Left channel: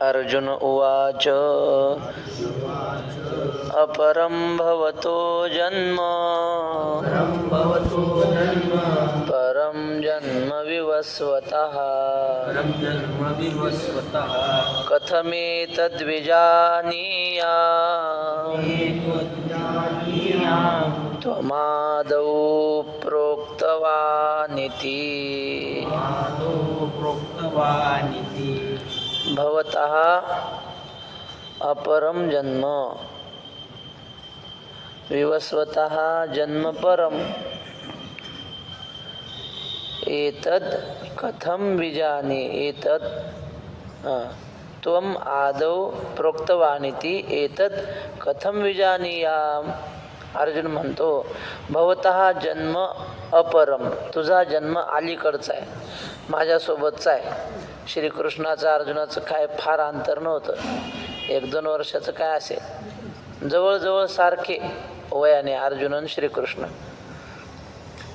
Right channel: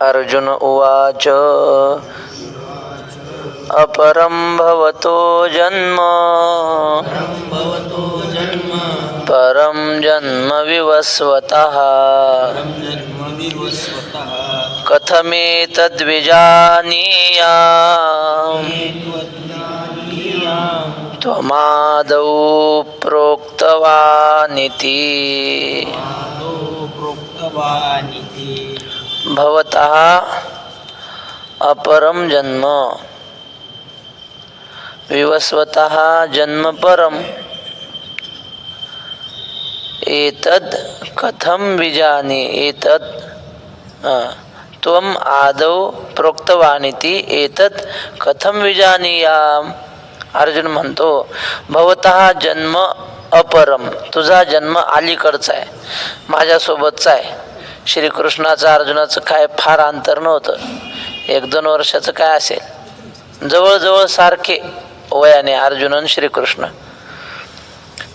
अर्जुन उवाच अपरं भवतो जन्म परं जन्म विवस्वतः कथमेतद्विजानीयाम् त्वमादौ प्रोक्तवानिति भवतः अपरं जन्म विवस्वतः जन्म परम एतद् कथं विजानी एतद् त्वम आदौ प्रोक्तवानिति एतद् कथं विजानीयाम. अर्जुन म्हणतो भवतः जन्म अपरम, तुझा जन्म अलीकडचा आहे, माझ्यासोबतचा आहे. श्रीकृष्णाचं अर्जुनाचं काय फार अंतर नव्हतं, 1-2 वर्षाचं काय असेल, जवळजवळ सारखे वयाने अर्जुन आणि श्रीकृष्ण.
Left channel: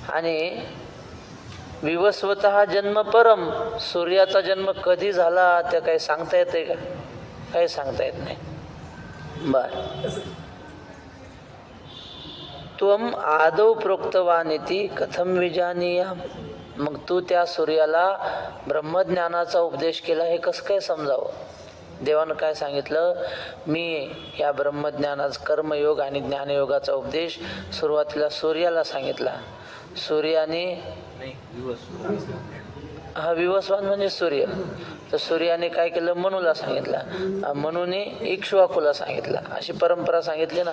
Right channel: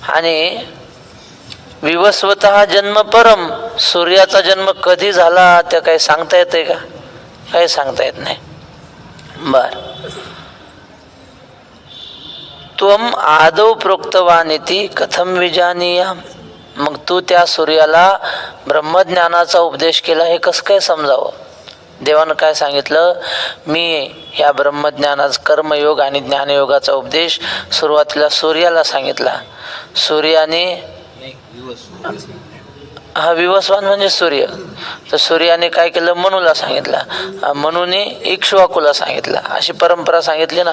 आणि विवस्वतः जन्म परम, सूर्याचा जन्म कधी झाला ते काही सांगता येते का? काही सांगता येत नाही. बर, त्वम आदौ प्रोक्तवानिति कथम विजानीयाम. मग तू त्या सूर्याला ब्रह्मज्ञानाचा उपदेश केला हे कसं काय समजावं? देवानं काय सांगितलं? मी या ब्रह्मज्ञानाचा कर्मयोग आणि ज्ञानयोगाचा उपदेश सुरुवातीला सूर्याला सांगितला. सूर्याने हा विवस्वान म्हणजे सूर्य, तर सूर्याने काय केलं? मनूला सांगितलं, मनूने इक्ष्वाकूला सांगितलं, अशी परंपरा सांगितली ना.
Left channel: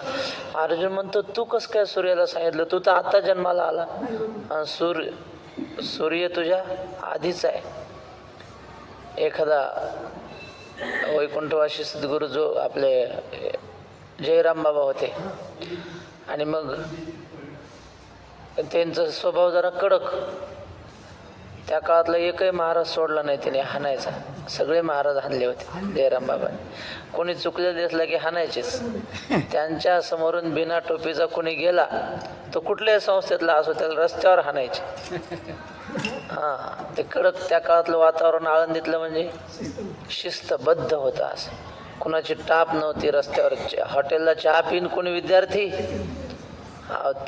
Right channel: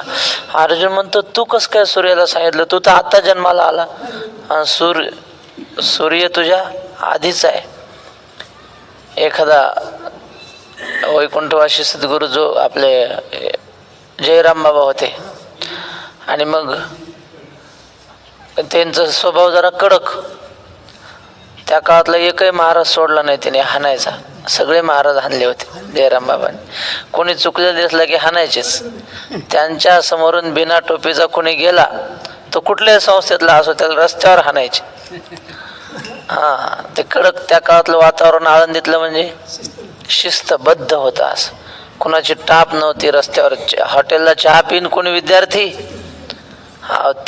अर्जुन म्हणतो तू कसं काय सूर्याला सांगितलं? तू तर आता जन्माला आला, सूर्य तुझ्या आधीच आहे. एखादा वैकुंठवासी सद्गुरू जो आपले जयराम बाबा होते, आणि मग त्यांचा स्वभाव जरा कडक. त्या काळातला एकही महाराज सोडला नाही त्याने हाणायचा. सगळे महाराज हाणले होते जयराम बाबांनी. कोणी चुकलेलं दिसलं की हाणायचेच. त्यांच्या समोरून बिना टोपीचा कोणी गेला तो कुठल्याही संस्थेतला असो त्याला रस्त्यावर हाणायचे. ते कडक. त्या काळातलं वातावरण आळंदीतलं म्हणजे शिस्तबद्ध होतं. असं कुणाची टाप नव्हती रस्त्यावर. हॉटेलला चहा पिन कोणी विद्यार्थी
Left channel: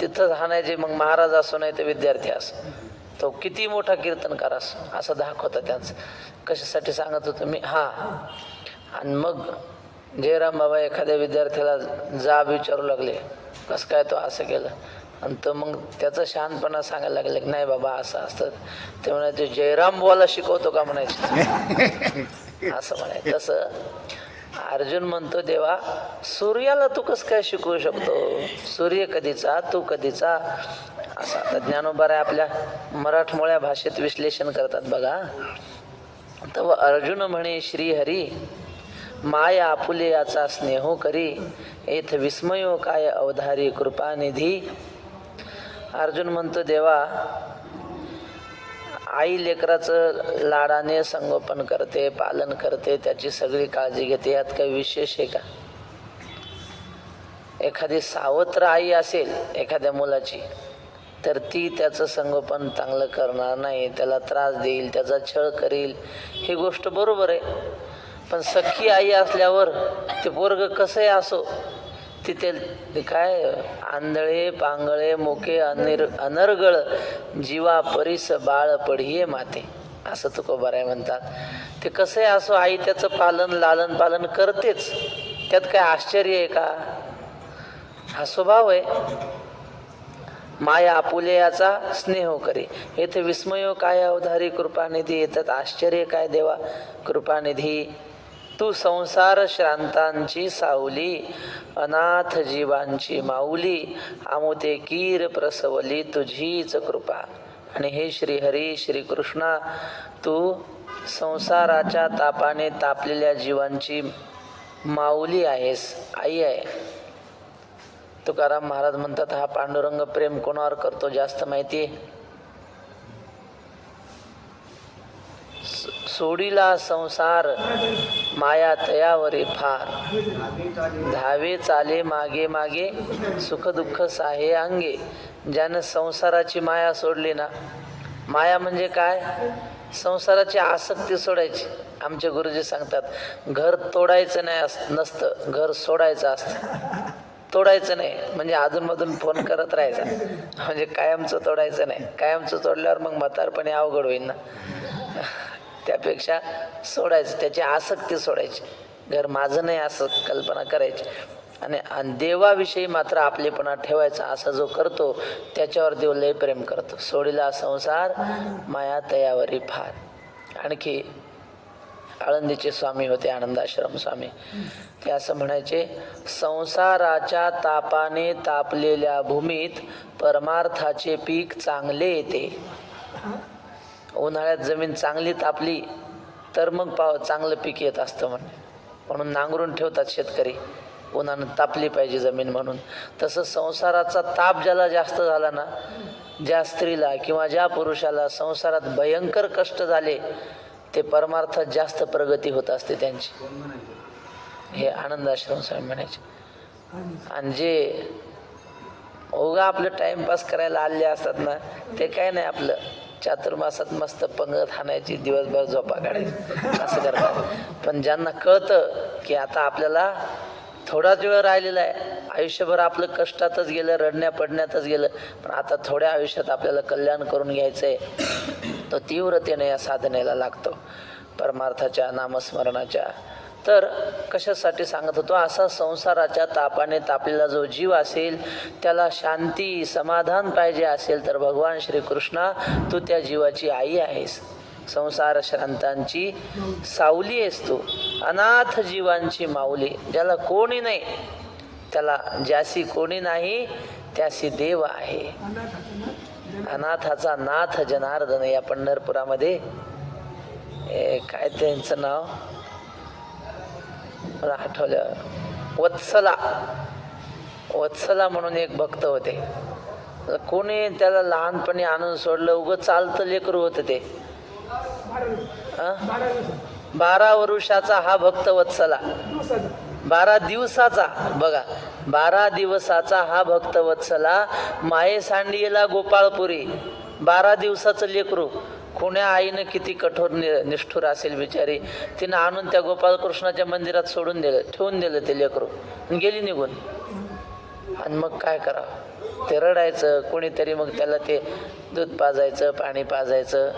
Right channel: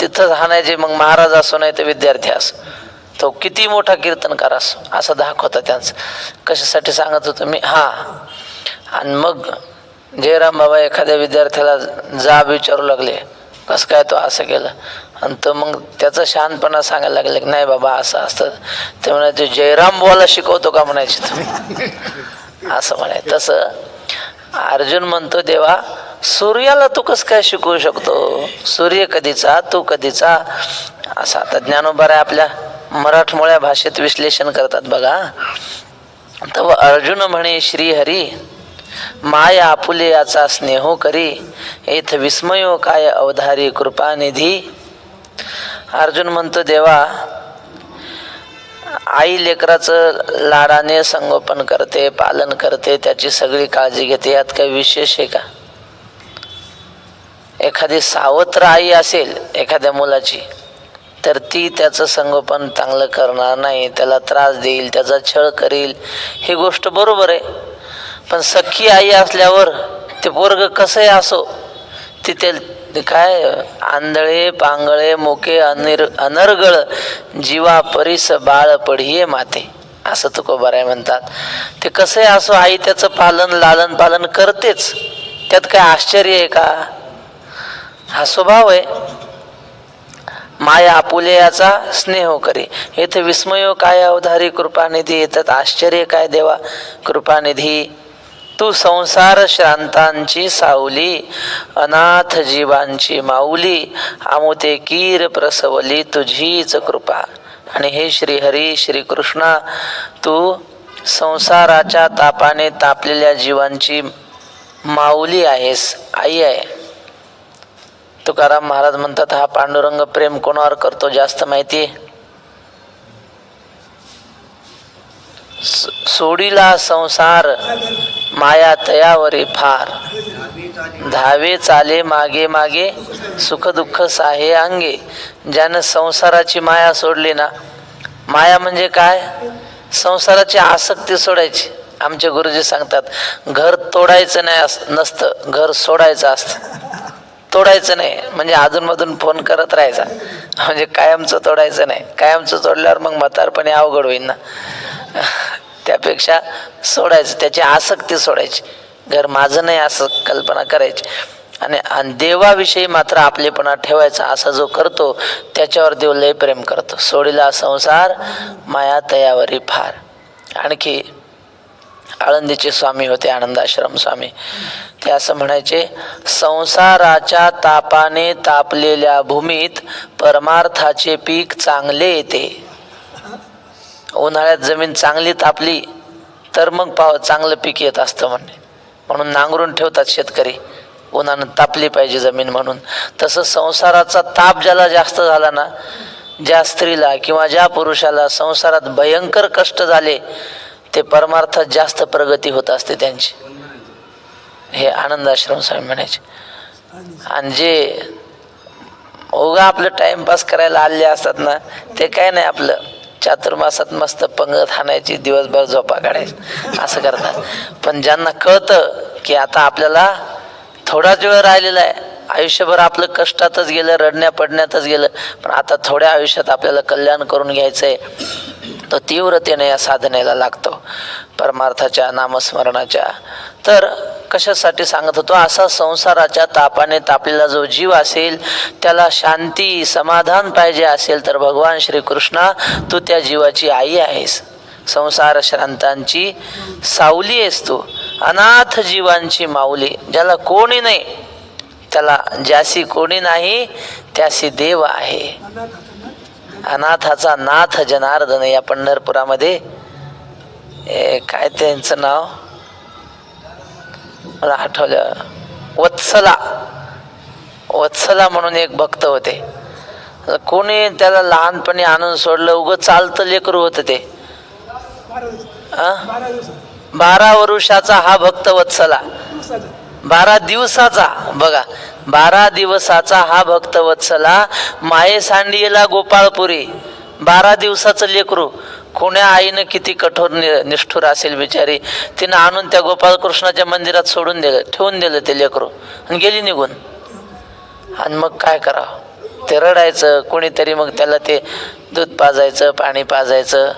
तिथंच हाणायचे, मग महाराज असो नाही तर विद्यार्थी असो. तो किती मोठा कीर्तनकार असो, असा धाक होता त्यांचा. कशासाठी सांगत होतो मी? आणि मग जयराम बाबा एखाद्या विद्यार्थ्याला जाब विचारू लागले, कसं काय तो असं केलं? आणि तो मग त्याचा शहाणपणा सांगायला लागले की नाही बाबा असं असतं. ते म्हणायचे जयराम बुवाला शिकवतो का म्हणायचे तुम्ही, असं म्हणाय. तसं अर्जुन म्हणतो देवा सूर्याला तू कसं काय शिकवू शकतो? सूर्य कधीचा, तू कधीचा, असं. आता ज्ञानोबा आपल्या मराठमोळ्या भाषेत विश्लेषण करतात बघा. तव अर्जुन म्हणे श्रीहरी माया आपुले याचा स्नेहो करी येथ विस्मयो काय अवधारी कृपानिधी. अर्जुन म्हणतो देवा आई लेकराचं लाडाने संगोपन करते, पालन करते, त्याची सगळी काळजी घेते, यात काही विशेष आहे का? एखादी सावत्र आई असेल एखाद्या मुलाची तर ती त्याचं संगोपन चांगलं करणार नाही, त्याला त्रास देईल, त्याचा छळ करील, ही गोष्ट बरोबर आहे. पण सख्खी आई असल्यावर ते पोरग कसंही असो तिथे काय आंधळे पांगळे मोके अनर्गळ जीवा परीस बाळ पढिये माते, असं तुकोबाराय म्हणतात. ते कसंही असो आई त्याचं लालन पालन करतेच, त्यात काय आश्चर्य आहे का? हा स्वभाव आहे. माया आपुले याचा स्नेह करी येथे विस्मयो काय अवधारी कृपानिधी. येतात आश्चर्य काय देवा कृपानिधी. तू संसार श्रांतांची सावली, अनाथ जीवांची माऊली, आमुते कीर प्रसवली तुझीच कृपा. आणि हे श्रीहरी श्रीकृष्णा तू संसाराच्या तापाने तापलेल्या जीवांची माऊली आहेस, आई आहे. तुकाराम महाराज म्हणतात हा पांडुरंग प्रेम कोणावर करतो जास्त माहिती? सोडीला संसार माया तयावरी फार, धावे चाले मागे मागे सुख दुःख साहे अंगे. ज्यानं संसाराची माया सोडली ना, माया म्हणजे काय? संसाराची आसक्ती सोडायची. आमचे गुरुजी सांगतात, घर तोडायचं नाही नसतं, घर सोडायचं असतं. तोडायचं नाही म्हणजे अधूनमधून फोन करत राहायचा, म्हणजे कायमचं तोडायचं नाही. कायमचं तोडल्यावर मग म्हातारपणी अवघड होईल ना. त्यापेक्षा सोडायचं, त्याची आसक्ती सोडायची. घर माझं नाही असं कल्पना करायची. आणि देवाविषयी मात्र आपलेपणा ठेवायचा. असा जो करतो त्याच्यावर देव लय प्रेम करतो. सोडिला संसार माया तयावरी फार. आणखी आळंदीचे स्वामी होते, आनंदाश्रम स्वामी, ते असं म्हणायचे, संसाराच्या तापाने तापलेल्या भूमीत परमार्थाचे पीक चांगले येते. उन्हाळ्यात जमीन चांगली तापली तर मग चांगलं पीक येत असतं म्हणून नांगरून ठेवतात शेतकरी, उन्हानं तापली पाहिजे जमीन म्हणून. तसं संसाराचा ताप ज्याला जास्त झाला ना, ज्या स्त्रीला किंवा ज्या पुरुषाला संसारात भयंकर कष्ट झाले, ते परमार्थात जास्त प्रगती होत असते त्यांची. हे आनंदाश्रम स्वामी म्हणायचे. आणि जे उगा आपलं टाइमपास करायला आले असतात ना, ते काय नाही, आपलं चातुर्मासात मस्त पंगत हाणायची, दिवसभर झोपा काढायची, असं करतात. पण ज्यांना कळतं की आता आपल्याला थोडाच वेळ राहिलेला आहे, आयुष्यभर आपलं कष्टातच गेलं, रडण्या पडण्यातच गेलं, पण आता थोड्या आयुष्यात आपल्याला कल्याण करून घ्यायचंय, तो तीव्रतेने या साधनेला लागतो परमार्थाच्या नामस्मरणाच्या. तर कशासाठी सांगत होतो, असा संसाराच्या तापाने तापलेला जो जीव असेल, त्याला शांती समाधान पाहिजे असेल तर भगवान श्रीकृष्णा, तू त्या जीवाची आई आहेस. संसार श्रांतांची सावली आहेस तू, अनाथ जीवांची माऊली. ज्याला कोणी नाही, त्याला ज्यासी कोणी नाही त्यासी देव आहे. अनाथाचा नाथ जनार्दन. या पंढरपुरामध्ये काय त्यांचं नाव मला आठवलं, वत्सला म्हणून एक भक्त होते. कोणी त्याला लहानपणी आणून सोडलं, उगं चालतं लेकरू होतं ते. 12 वर्षाचा हा भक्त वत्सला, 12 दिवसाचा, बघा 12 दिवसाचा हा भक्त वत्सला, माये सांडियेला गोपाळपुरी. 12 दिवसाचं लेकरू. कोण्या आईनं किती कठोर निष्ठुर असेल बिचारी, तिनं आणून त्या गोपाळकृष्णाच्या मंदिरात सोडून दिलं, ठेवून दिलं ते लेकरू, आणि गेली निघून. आणि मग काय करावं, ते रडायचं. कोणीतरी मग त्याला ते दूध पाजायचं, पाणी पाजायचं.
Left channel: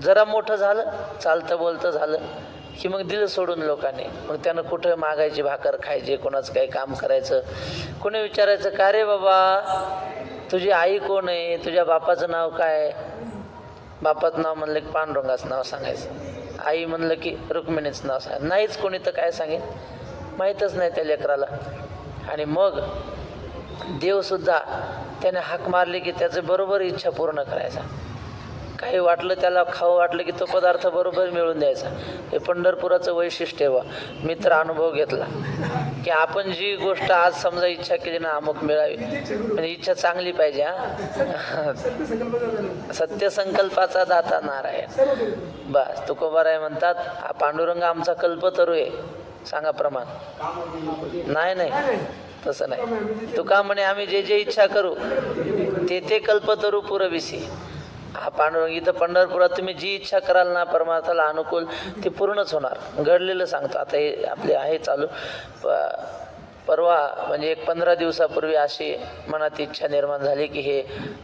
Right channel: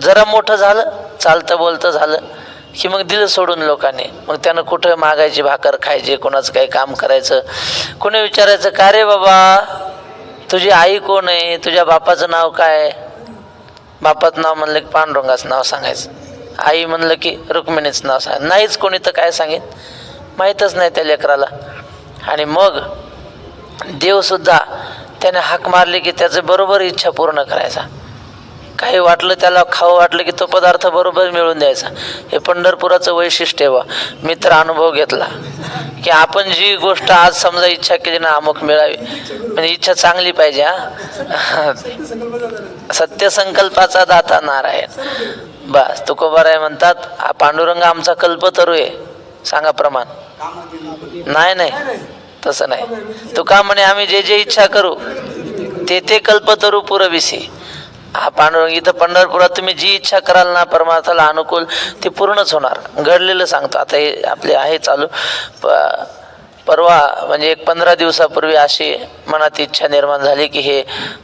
जरा मोठं झालं, चालतं बोलतं झालं की मग दिलं सोडून लोकांनी. मग त्यानं कुठं मागायची भाकर खायची, कोणाचं काही काम करायचं. कोणी विचारायचं, का रे बाबा, तुझी आई कोण आहे, तुझ्या बापाचं नाव काय? बापाचं नाव म्हणलं की पांडुरंगाचं नाव सांगायचं, आई म्हणलं की रुक्मिणीचं नाव सांगायचं. नाहीच कोणी तर काय सांगेन, माहीतच नाही त्या लेकराला. आणि मग देवसुद्धा त्याने हाक मारली की त्याचं बरोबर इच्छा पूर्ण करायचा. काही वाटलं त्याला खावं वाटलं की तो पदार्थ बरोबर मिळून द्यायचा. हे पंढरपुराचं वैशिष्ट्य आहे. मी तर अनुभव घेतला की आपण जी गोष्ट आज समजा इच्छा केली ना, अमुक मिळावी, म्हणजे इच्छा चांगली पाहिजे. सत्य संकल्पाचा दाता नारायण. बस तुकोबाराय म्हणतात, हा पांडुरंग आमचा कल्पतरू आहे. सांगा प्रमाण. नाही तसं नाही. तुका म्हणे आम्ही जे जे इच्छा करू ते ते कल्पतरू पुरविसी. हा पांडुरंग इथं पंढरपुरात तुम्ही जी इच्छा कराल ना परमार्थाला अनुकूल, ती पूर्णच होणार. घडलेलं सांगतो. आता हे आपले आहे चालू. परवा म्हणजे एक 15 दिवसापूर्वी अशी मनात इच्छा निर्माण झाली की हे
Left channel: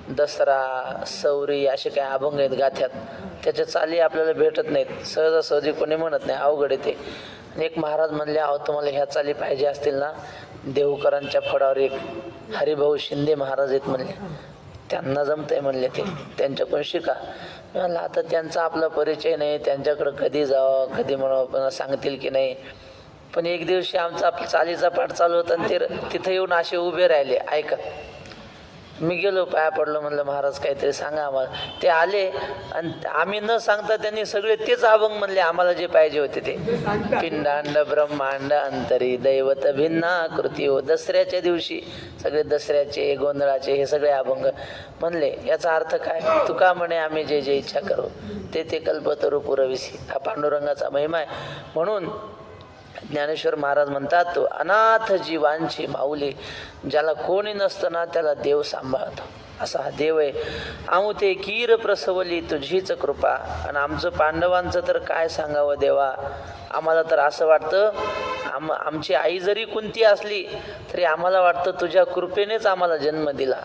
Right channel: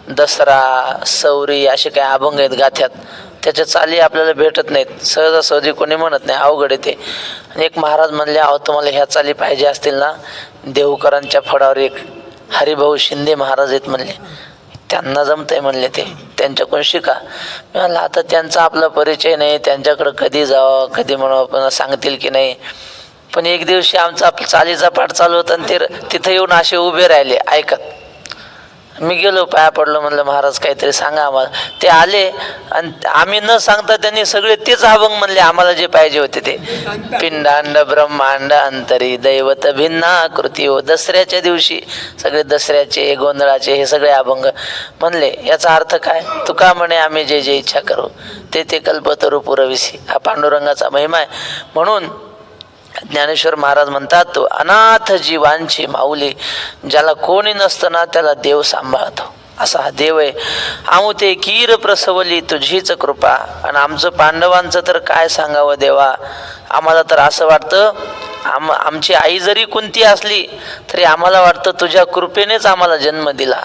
दसरा, सौरी असे काही अभंग आहेत गाथ्यात, त्याच्या चाली आपल्याला भेटत नाहीत सहजासहजी, कोणी म्हणत नाही, अवघड आहे ते. आणि एक महाराज म्हणले, अहो तुम्हाला ह्या चाली पाहिजे असतील ना, देहूकरांच्या फडावर एक हरिभाऊ शिंदे महाराज आहेत म्हणले, त्यांना जमतंय म्हणले, ते त्यांच्याकडून शिका. मी म्हणलं आता त्यांचा आपला परिचय नाही, त्यांच्याकडं कधी जावं, कधी म्हणून सांगतील की नाही. पण एक दिवशी आमचा चालीचा पाठ चालू होता आणि ते तिथं येऊन असे उभे राहिले ऐकत. मी गेलो, पाया पडलो, म्हणलं महाराज काहीतरी सांगा आम्हाला. ते आले आणि आम्ही न सांगता त्यांनी सगळे तेच अभंग म्हणले आम्हाला जे पाहिजे होते ते. पिंडांड ब्रह्मांड अंतरी दैवत भिन्ना कृती हो. दसऱ्याच्या दिवशी सगळे दसऱ्याचे, गोंधळाचे हे सगळे अभंग म्हणले. याचा अर्थ काय? तुका म्हणे आम्ही जे जे इच्छा करू ते ते कल्पतरू पुरविसी. हा पांडुरंगाचा महिमा आहे. म्हणून ज्ञानेश्वर महाराज म्हणतात, तो अनाथ जीवांची माऊली. ज्याला कोणी नसतं ना त्याला देव सांभाळतो. असा हा देव आहे. आमुते कीर प्रसवली तुझीच कृपा. आणि आमचं पांडवांचं तर काय सांगावं देवा. आम्हाला तर असं वाटतं आमची आई जरी कुंती असली तरी आम्हाला वाटतं तुझ्या कृपेनेच आम्हाला जन्म दिला,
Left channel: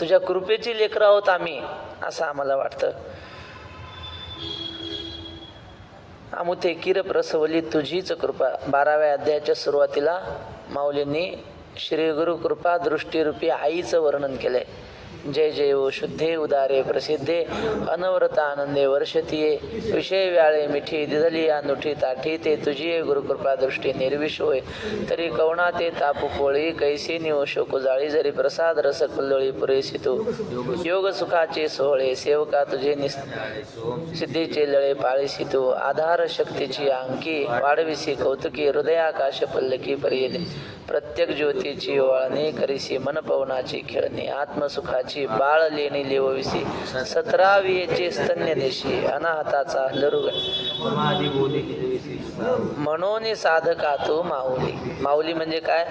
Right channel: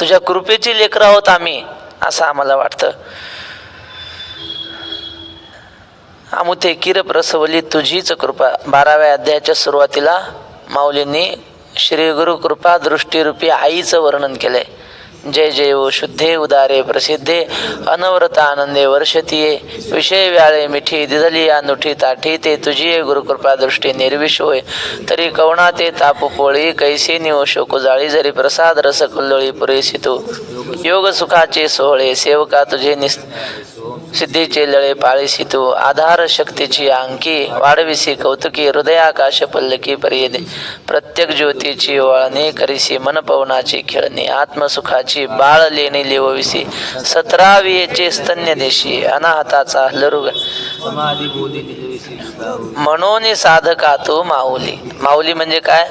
तुझ्या कृपेची लेकरं आहोत आम्ही, असं आम्हाला वाटतं. आमुते कीर प्रसवली तुझीच कृपा. 12व्या अध्यायाच्या सुरुवातीला माऊलींनी श्री गुरु कृपा दृष्टीरूपी आईचं वर्णन केलंय. जय जय ओ शुद्धे उदारे प्रसिद्धे अनवरत आनंदे वर्षतीये विषय व्याळे मिठी दिदली अनुठी ताठी ते तुझी गुरुकृपा दृष्टी निर्विष होय तरी कवणा ते तापू पोळी कैसी निओ शोकू जाळी जरी प्रसाद रस कुल्लोळी पुरेसी तू योग सुखाचे सोहळे सेवका तुझे सिद्धीचे लळे पाळीसी तू आधार शक्तीची अंकी वाढविसी कौतुकी हृदयाकाश पल्लकी पर्यदे प्रत्येक ज्योतीची वळणे करीसी मन पवनाची खेळणे आत्मसुखाची बाळ लेणे लिवविसी 17वीचे स्तन्य देशी अनाहताचा लरुग म्हणून साधका तू माऊली. माऊली म्हणजे काय?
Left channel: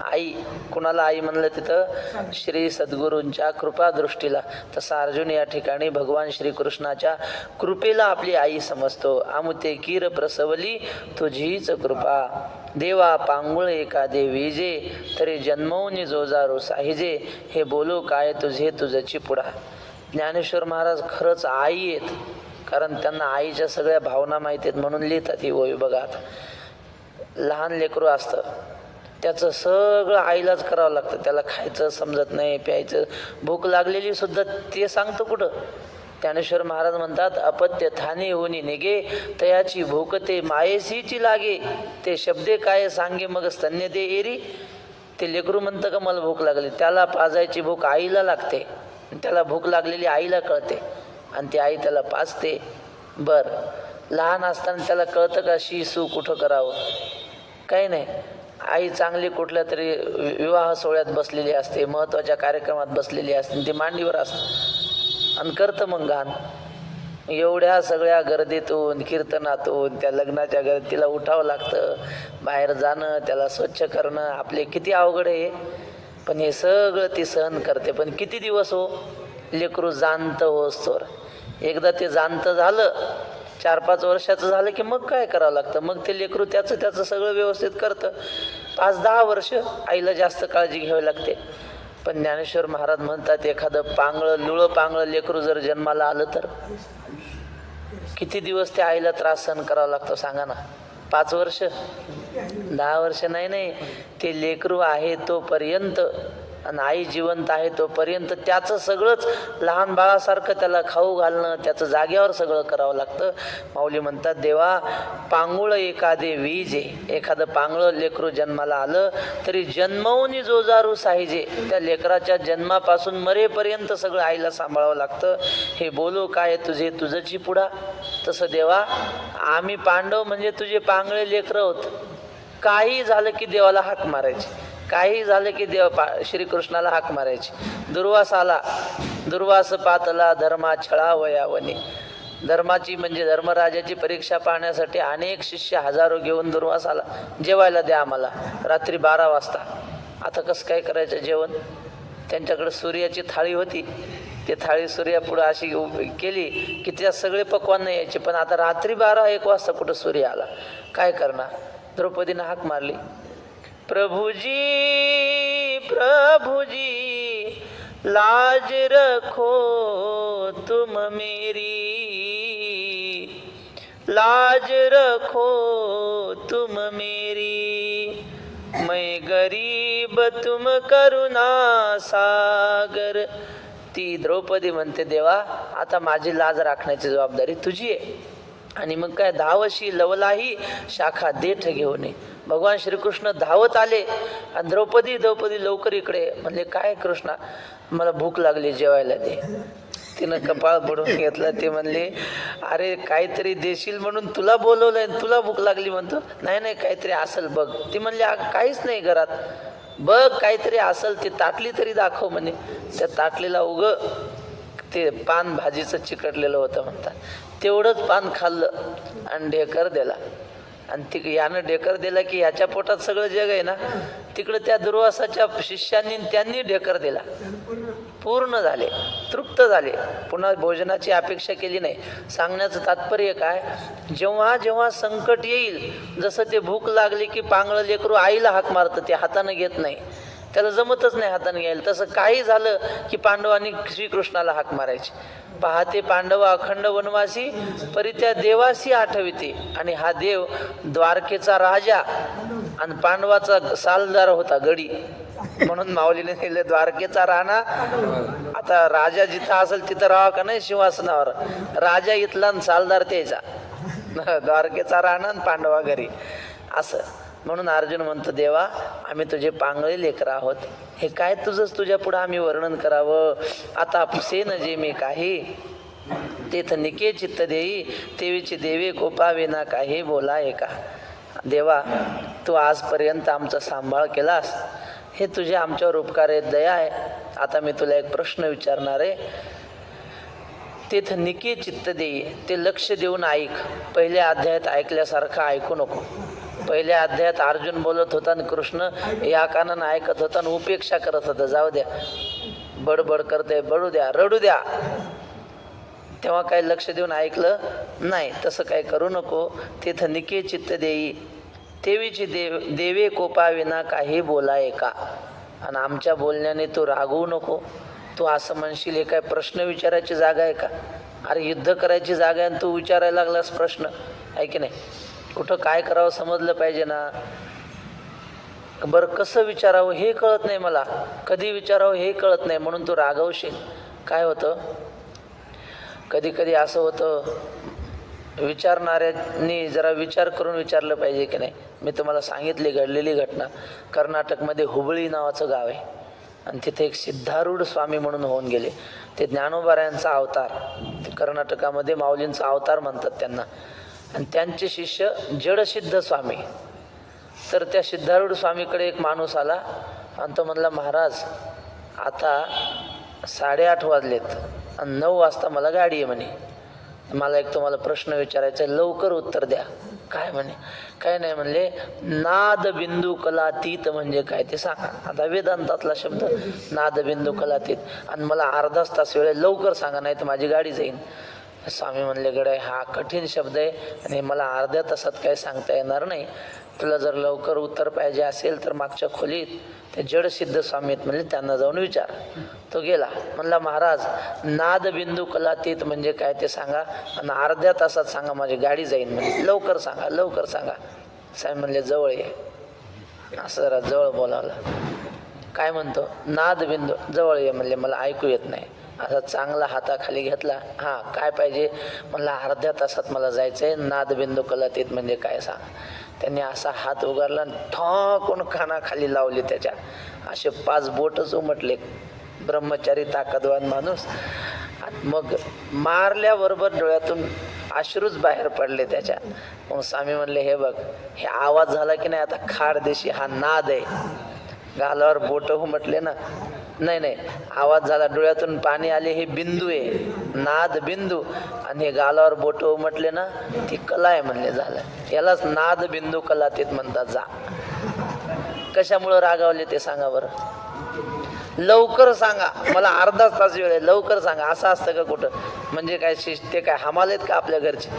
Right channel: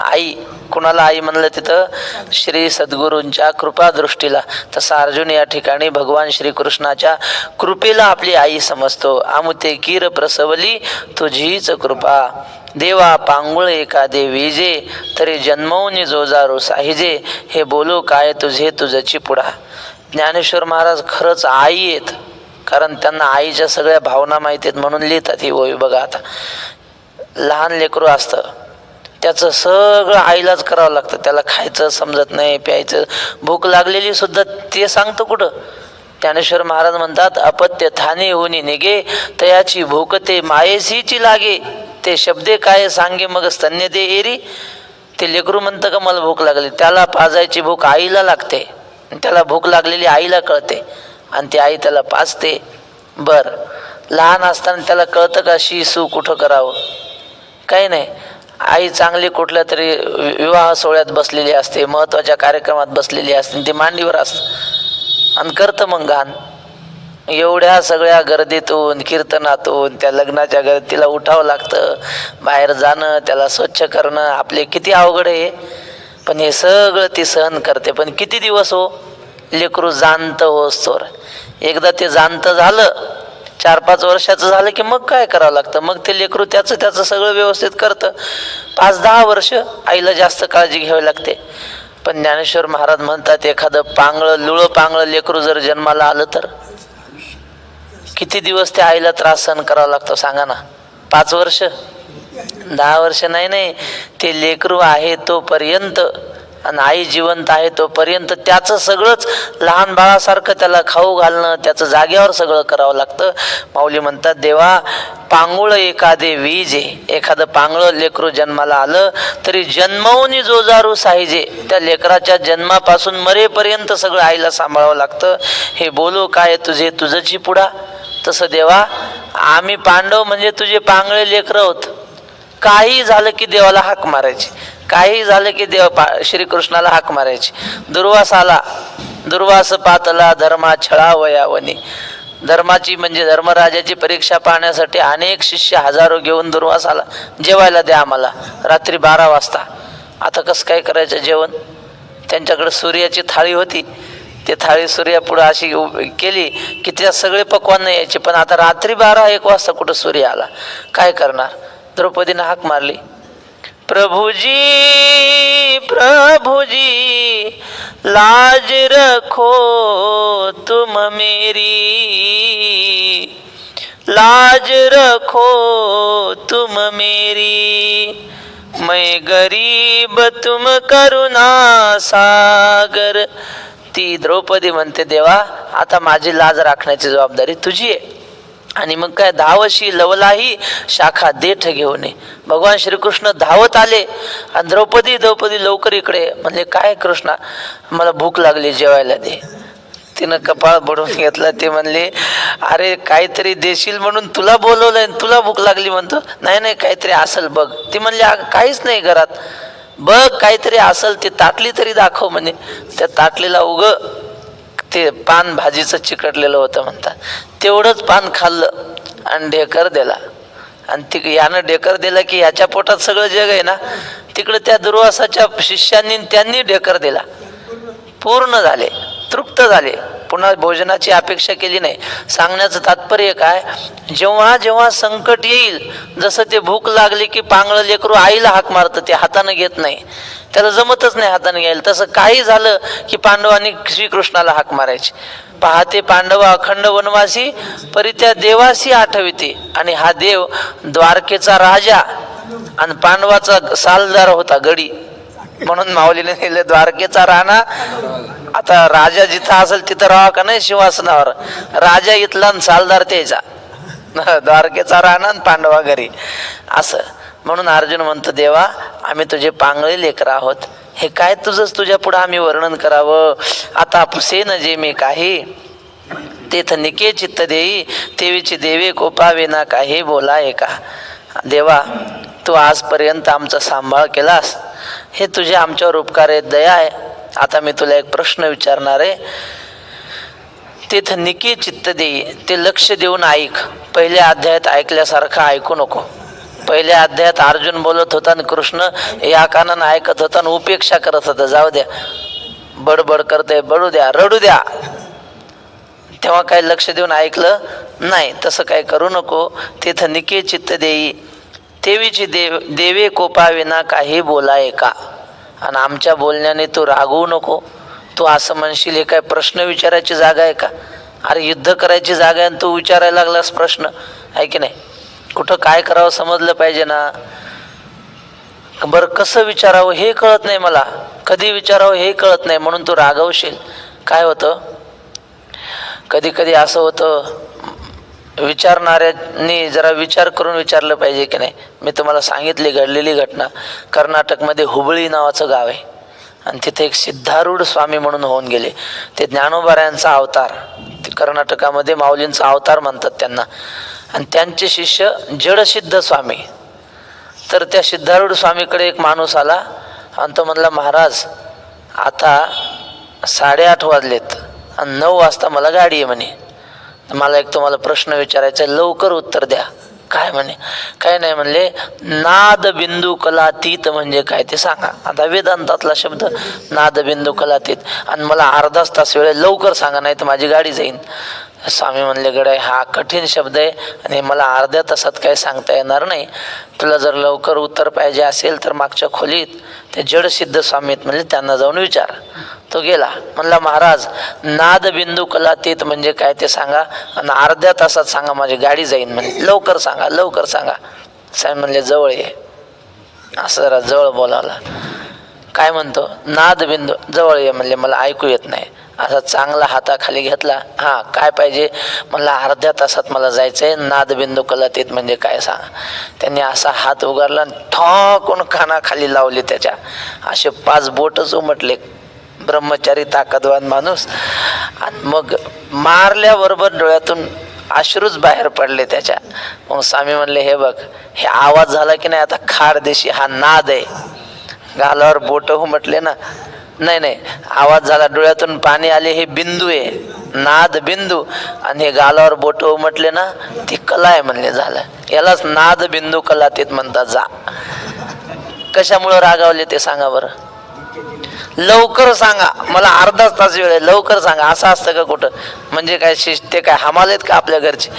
आई. कुणाला आई म्हणलं तिथं? श्री सद्गुरूंच्या कृपा दृष्टीला. तसा अर्जुन या ठिकाणी भगवान श्रीकृष्णाच्या कृपेला आपली आई समजतो. आमुते कीर प्रसवली तुझीच कृपा. देवा पांगुळ एखादे विजे तरी जन्मवून जोजारो साहिजे हे बोलू काय तुझे तुझची पुढा. ज्ञानेश्वर महाराज खरंच आई आहेत, कारण त्यांना आईच्या सगळ्या भावना माहिती आहेत म्हणून लिहितात ही ओवी. बघा आता लहान लेकरू असतं त्याचं सगळं आईलाच करावं लागतं. त्याला खायचं समजत नाही, प्यायचं, भूक लागलेली सुद्धा ते सांगतो कुठं. ज्ञानेश्वर महाराज म्हणतात अपत्य थाने होनी निगे तयाची भूक ते मायेसीची लागे ते शब्दे काय सांगे मग स्तन्य दे एरी. ते लेकरू म्हणतं का मला भूक लागली, त्याला पाजायची भूक आईला लागते, त्याला भूक लागलेली आईला कळते आणि ती आई त्याला पाजते. बर लहान असताना त्याला कळतं का शी सू कुठं करावं? काही नाही. आई चांगली कुठल्या तरी विवाह सोहळ्यात बसलेली असते, महत्वाच्या कार्यक्रमात बसलेली असते, ती मांडीवर असते आणि करतं मग घाण. एवढ्या सगळ्या गर्दीतून कीर्तनातून त्या लग्नाच्या गर्दीत तिला उठावं लागतं, बाहेर जाणं, त्याला स्वच्छ करणं आपले किती अवघड आहे. पण हे सगळं ती सहन करते. पण किती दिवस हो? लेकरू जाणतं होस्तोवर. एकदा ते जाणतं झालं, 4-5 वर्षाचं झालं की मग काय करावं लागतं, मग ते लेकरू त्याचं सगळं व्यवस्थित करतं. 5-10 वर्ष आईला जास्त काळजी घ्यावी लागते. पण ज्ञानेश्वर महाराज म्हणतात एखादं पांगळं लुळं पांगळं लेकरू जर जन्माला आलं तर किती दिवस त्या आईला त्रास सहन करावा लागतो सांगा ना. 5 वर्ष 10 वर्ष नाही, ते लेकरू आहे तोपर्यंत आणि आई जिवंत आहे तोपर्यंत त्याचं सगळंच लहान बाळासारखं त्याला खाऊ घालणं, त्याचं जाग्यावर सगळं करावं लागतं. माऊली म्हणतात देवा पांगुळ एखादे विजे, एखादं पांगळं लेकरू जन्माला आलं तरी जन्मवून जोजारू साहिजे, त्या लेकराच्या जन्मापासून मरेपर्यंत सगळं आईला सांभाळावं लागतं. हे बोलू काय तुझे तुझची पुढा. तसं देवा आम्ही पांडव म्हणजे तुझे पांगळे लेकरं होत. काही झालं की देवाला हाक मारायची, काही झालं की श्रीकृष्णाला हाक मारायची. दुर्वास पातला धर्मा छळा वयावनी. धर्माची म्हणजे धर्मराजाची परीक्षा पाहण्यासाठी अनेक शिष्य हजारो घेऊन दुर्वास आला, जेवायला द्या आम्हाला. रात्री 12 वाजता. आता कसं काय करायचं जेवण? त्यांच्याकडे सूर्याची थाळी होती, ते थाळी सूर्यापुढे अशी केली की त्या सगळे पक्वान नाही यायचे. पण आता रात्री 12-1 वाजता कुठं सूर्य आला, काय करणार? द्रौपदीने हाक मारली, प्रभुजी प्रभुजी लाज रखो तुम मेरी, लाज रखो तुम मेरी, मैं गरीब तुम करुणा सागर. ती द्रौपदी म्हणते देवा आता माझी लाज राखण्याची जबाबदारी तुझी आहे. आणि मग काय धावशी लवलाही शाखा देठ घेऊन ये. भगवान श्रीकृष्ण धावत आले आणि द्रौपदी लवकर इकडे. म्हणले काय कृष्णा मला भूक लागली जेवायला दे. तिनं कपाळ बडवून घेतला. ते म्हणले अरे काहीतरी देशील म्हणून तुला बोलवलंय, तुला भूक लागली म्हणतो. नाही काहीतरी असेल बघ. ती म्हणली काहीच नाही घरात, बघ काहीतरी असेल ते ताटली तरी दाखव म्हणे. त्या ताटलीला ते पान भाजीचं चिकटलेलं होतं म्हणतात. तेवढंच पान खाल्लं आणि ढेकर दिला. आणि यानं ढेकर दिला की याच्या पोटात सगळं जग आहे ना. तिकडे त्या दुर्वासाच्या शिष्यांनी त्यांनी ढेकर दिला. पूर्ण झाले, तृप्त झाले, पुन्हा भोजनाची अपेक्षा केली नाही. सांगण्याचं तात्पर्य काय, जेव्हा जेव्हा संकट येईल, जसं ते भूक लागली की पांगळं लेकरू आईला हाक मारतं, ते हाताने घेत नाही, त्याला जमतच नाही हाताने घ्यायला. तसं काही झालं की पांडवांनी श्रीकृष्णाला हाक मारायची. पाहते पांडव अखंड वनवासी, परी त्या देवासी आठविते. आणि हा देव द्वारकेचा राजा आणि पांडवाचा सालदार होता, गडी. म्हणून माऊलीने लिहिले द्वारकेचा राणा. आता राजा जिथं असेल तिथं राहा का नाही सिंहासनावर, राजा इथला आणि सालदार त्याचा. द्वारकेचा राणा आणि पांडवा घरी असं. म्हणून अर्जुन म्हणतो, देवा आम्ही तुझे पांगळे लेकर आहोत, हे काय तुझंच तुझ्या पुढे आम्ही वर्णन करावं. आता पुसेन जे मी काही, तेथ निके चित्त देई, तेवीची देवे कोपावे ना काही बोला एका. देवा तू आजपर्यंत आमचा सांभाळ केलास, हे तुझे आमच्यावर उपकार आहेत, दया आहे. आता मी तुला एक प्रश्न विचारणार आहे. तेथ निके चित्त देई, ते लक्ष देऊन ऐक. पहिल्या अध्यायात ऐकल्यासारखं ऐकू नको. पहिल्या अध्यायात अर्जुन बोलत होता आणि कृष्ण या कानानं ऐकत होता आणि उपेक्षा करत होता. जाऊ द्या, बडबड करते, बडू द्या, रडू द्या. तेव्हा काही लक्ष देऊन ऐकलं नाही. तसं काय करू नको. तेथ निके चित्त देई, तेवीची देवे कोपाविना काही बोलाय का. आणि आमच्या बोलण्याने तू रागवू नको. तू असं म्हणशील हे काय प्रश्न विचारायची जागा आहे का. अरे युद्ध करायची जागा आहे आणि तू विचारायला लागलास प्रश्न, आहे की नाही. कुठं काय करावं समजलं पाहिजे ना. बरं कसं विचारावं हे कळत नाही मला, कधी विचारावं हे कळत नाही, म्हणून तू रागवशील. काय होतं, कधी कधी असं होतं, विचारणाऱ्यांनी जरा विचार करून विचारलं पाहिजे की नाही. मी तुम्हाला सांगितली घडलेली घटना. कर्नाटकमध्ये हुबळी नावाचं गाव आहे आणि तिथे एक सिद्धारूढ स्वामी म्हणून होऊन गेले. ते ज्ञानोबारायांचा अवतार, ते कर्नाटकामध्ये माऊलींचा अवतार म्हणतात त्यांना. आणि त्यांचे शिष्य जडसिद्ध स्वामी. तर त्या सिद्धारूढ स्वामीकडे एक माणूस आला आणि तो म्हणला, महाराज आता 8:30 वाजलेत आणि 9 वाजता मला गाडी आहे म्हणे, मला एक तुम्हाला प्रश्न विचारायचा आहे, लवकर उत्तर द्या. काय म्हणे. काय नाही म्हणले, नाद बिंदू कलातीत म्हणजे काय ते सांगा. आता वेदांतातला शब्द नाद बिंदू कलातीत, आणि मला अर्धाच तास वेळ, लवकर सांगा नाही तर माझी गाडी जाईन. स्वामी म्हणले, गडाय हा कठीण शब्द आहे आणि मला अर्ध्या तासात काही सांगता येणार नाही. तुला जर लवकर उत्तर पाहिजे असेल तर मागच्या खोलीत ते जडसिद्ध स्वामी आहेत म्हणले, त्यांना जाऊन विचार. तो गेला, म्हणला महाराज नाद बिंदू कलातीत म्हणजे काय ते सांगा आणि अर्ध्या तासात सांगा, माझी गाडी जाईन म्हणे, लवकर सांगा लवकर सांगा. साहेब म्हणले, जवळ ये. असं जरा जवळ बोलावला. काय म्हणतो, नाद बिंदू, जवळ ये म्हणले, मला ऐकू येत नाही. असा चांगला हाताखाली घेतला. हां काय पाहिजे म्हणला, अर्ध्या तासात मला जायचंय, नादबिंदू कलातीत म्हणजे काय सांगा. त्यांनी असा हात उगारला, ठॉकून कानाखाली लावले त्याच्या. असे 5 बोटच उमटले. ब्रह्मचारी ताकदवान माणूस. आणि मग मारल्याबरोबर डोळ्यातून अश्रूच बाहेर पडले त्याच्या. मग स्वामी म्हणले, हे बघ, हे आवाज झाला की नाही, आता खाड देशी हा नाद आहे. गालावर बोट उमटले ना, नाही नाही आवाज झाला, डोळ्यातून पाणी आले, हे बिंदू आहे, नाद बिंदू. आणि हे गालावर बोट उमटले ना, ती कला आहे म्हणले, झालं. यालाच नाद बिंदू कलातीत म्हणतात. जा. कशामुळं रागावले ते सांगा बरं. लवकर सांगा, मला अर्धाच तास वेळ आहे, लवकर सांगा. असं असतं का कुठं. म्हणजे काय ते काय हमाल आहेत का आपल्या घरचे.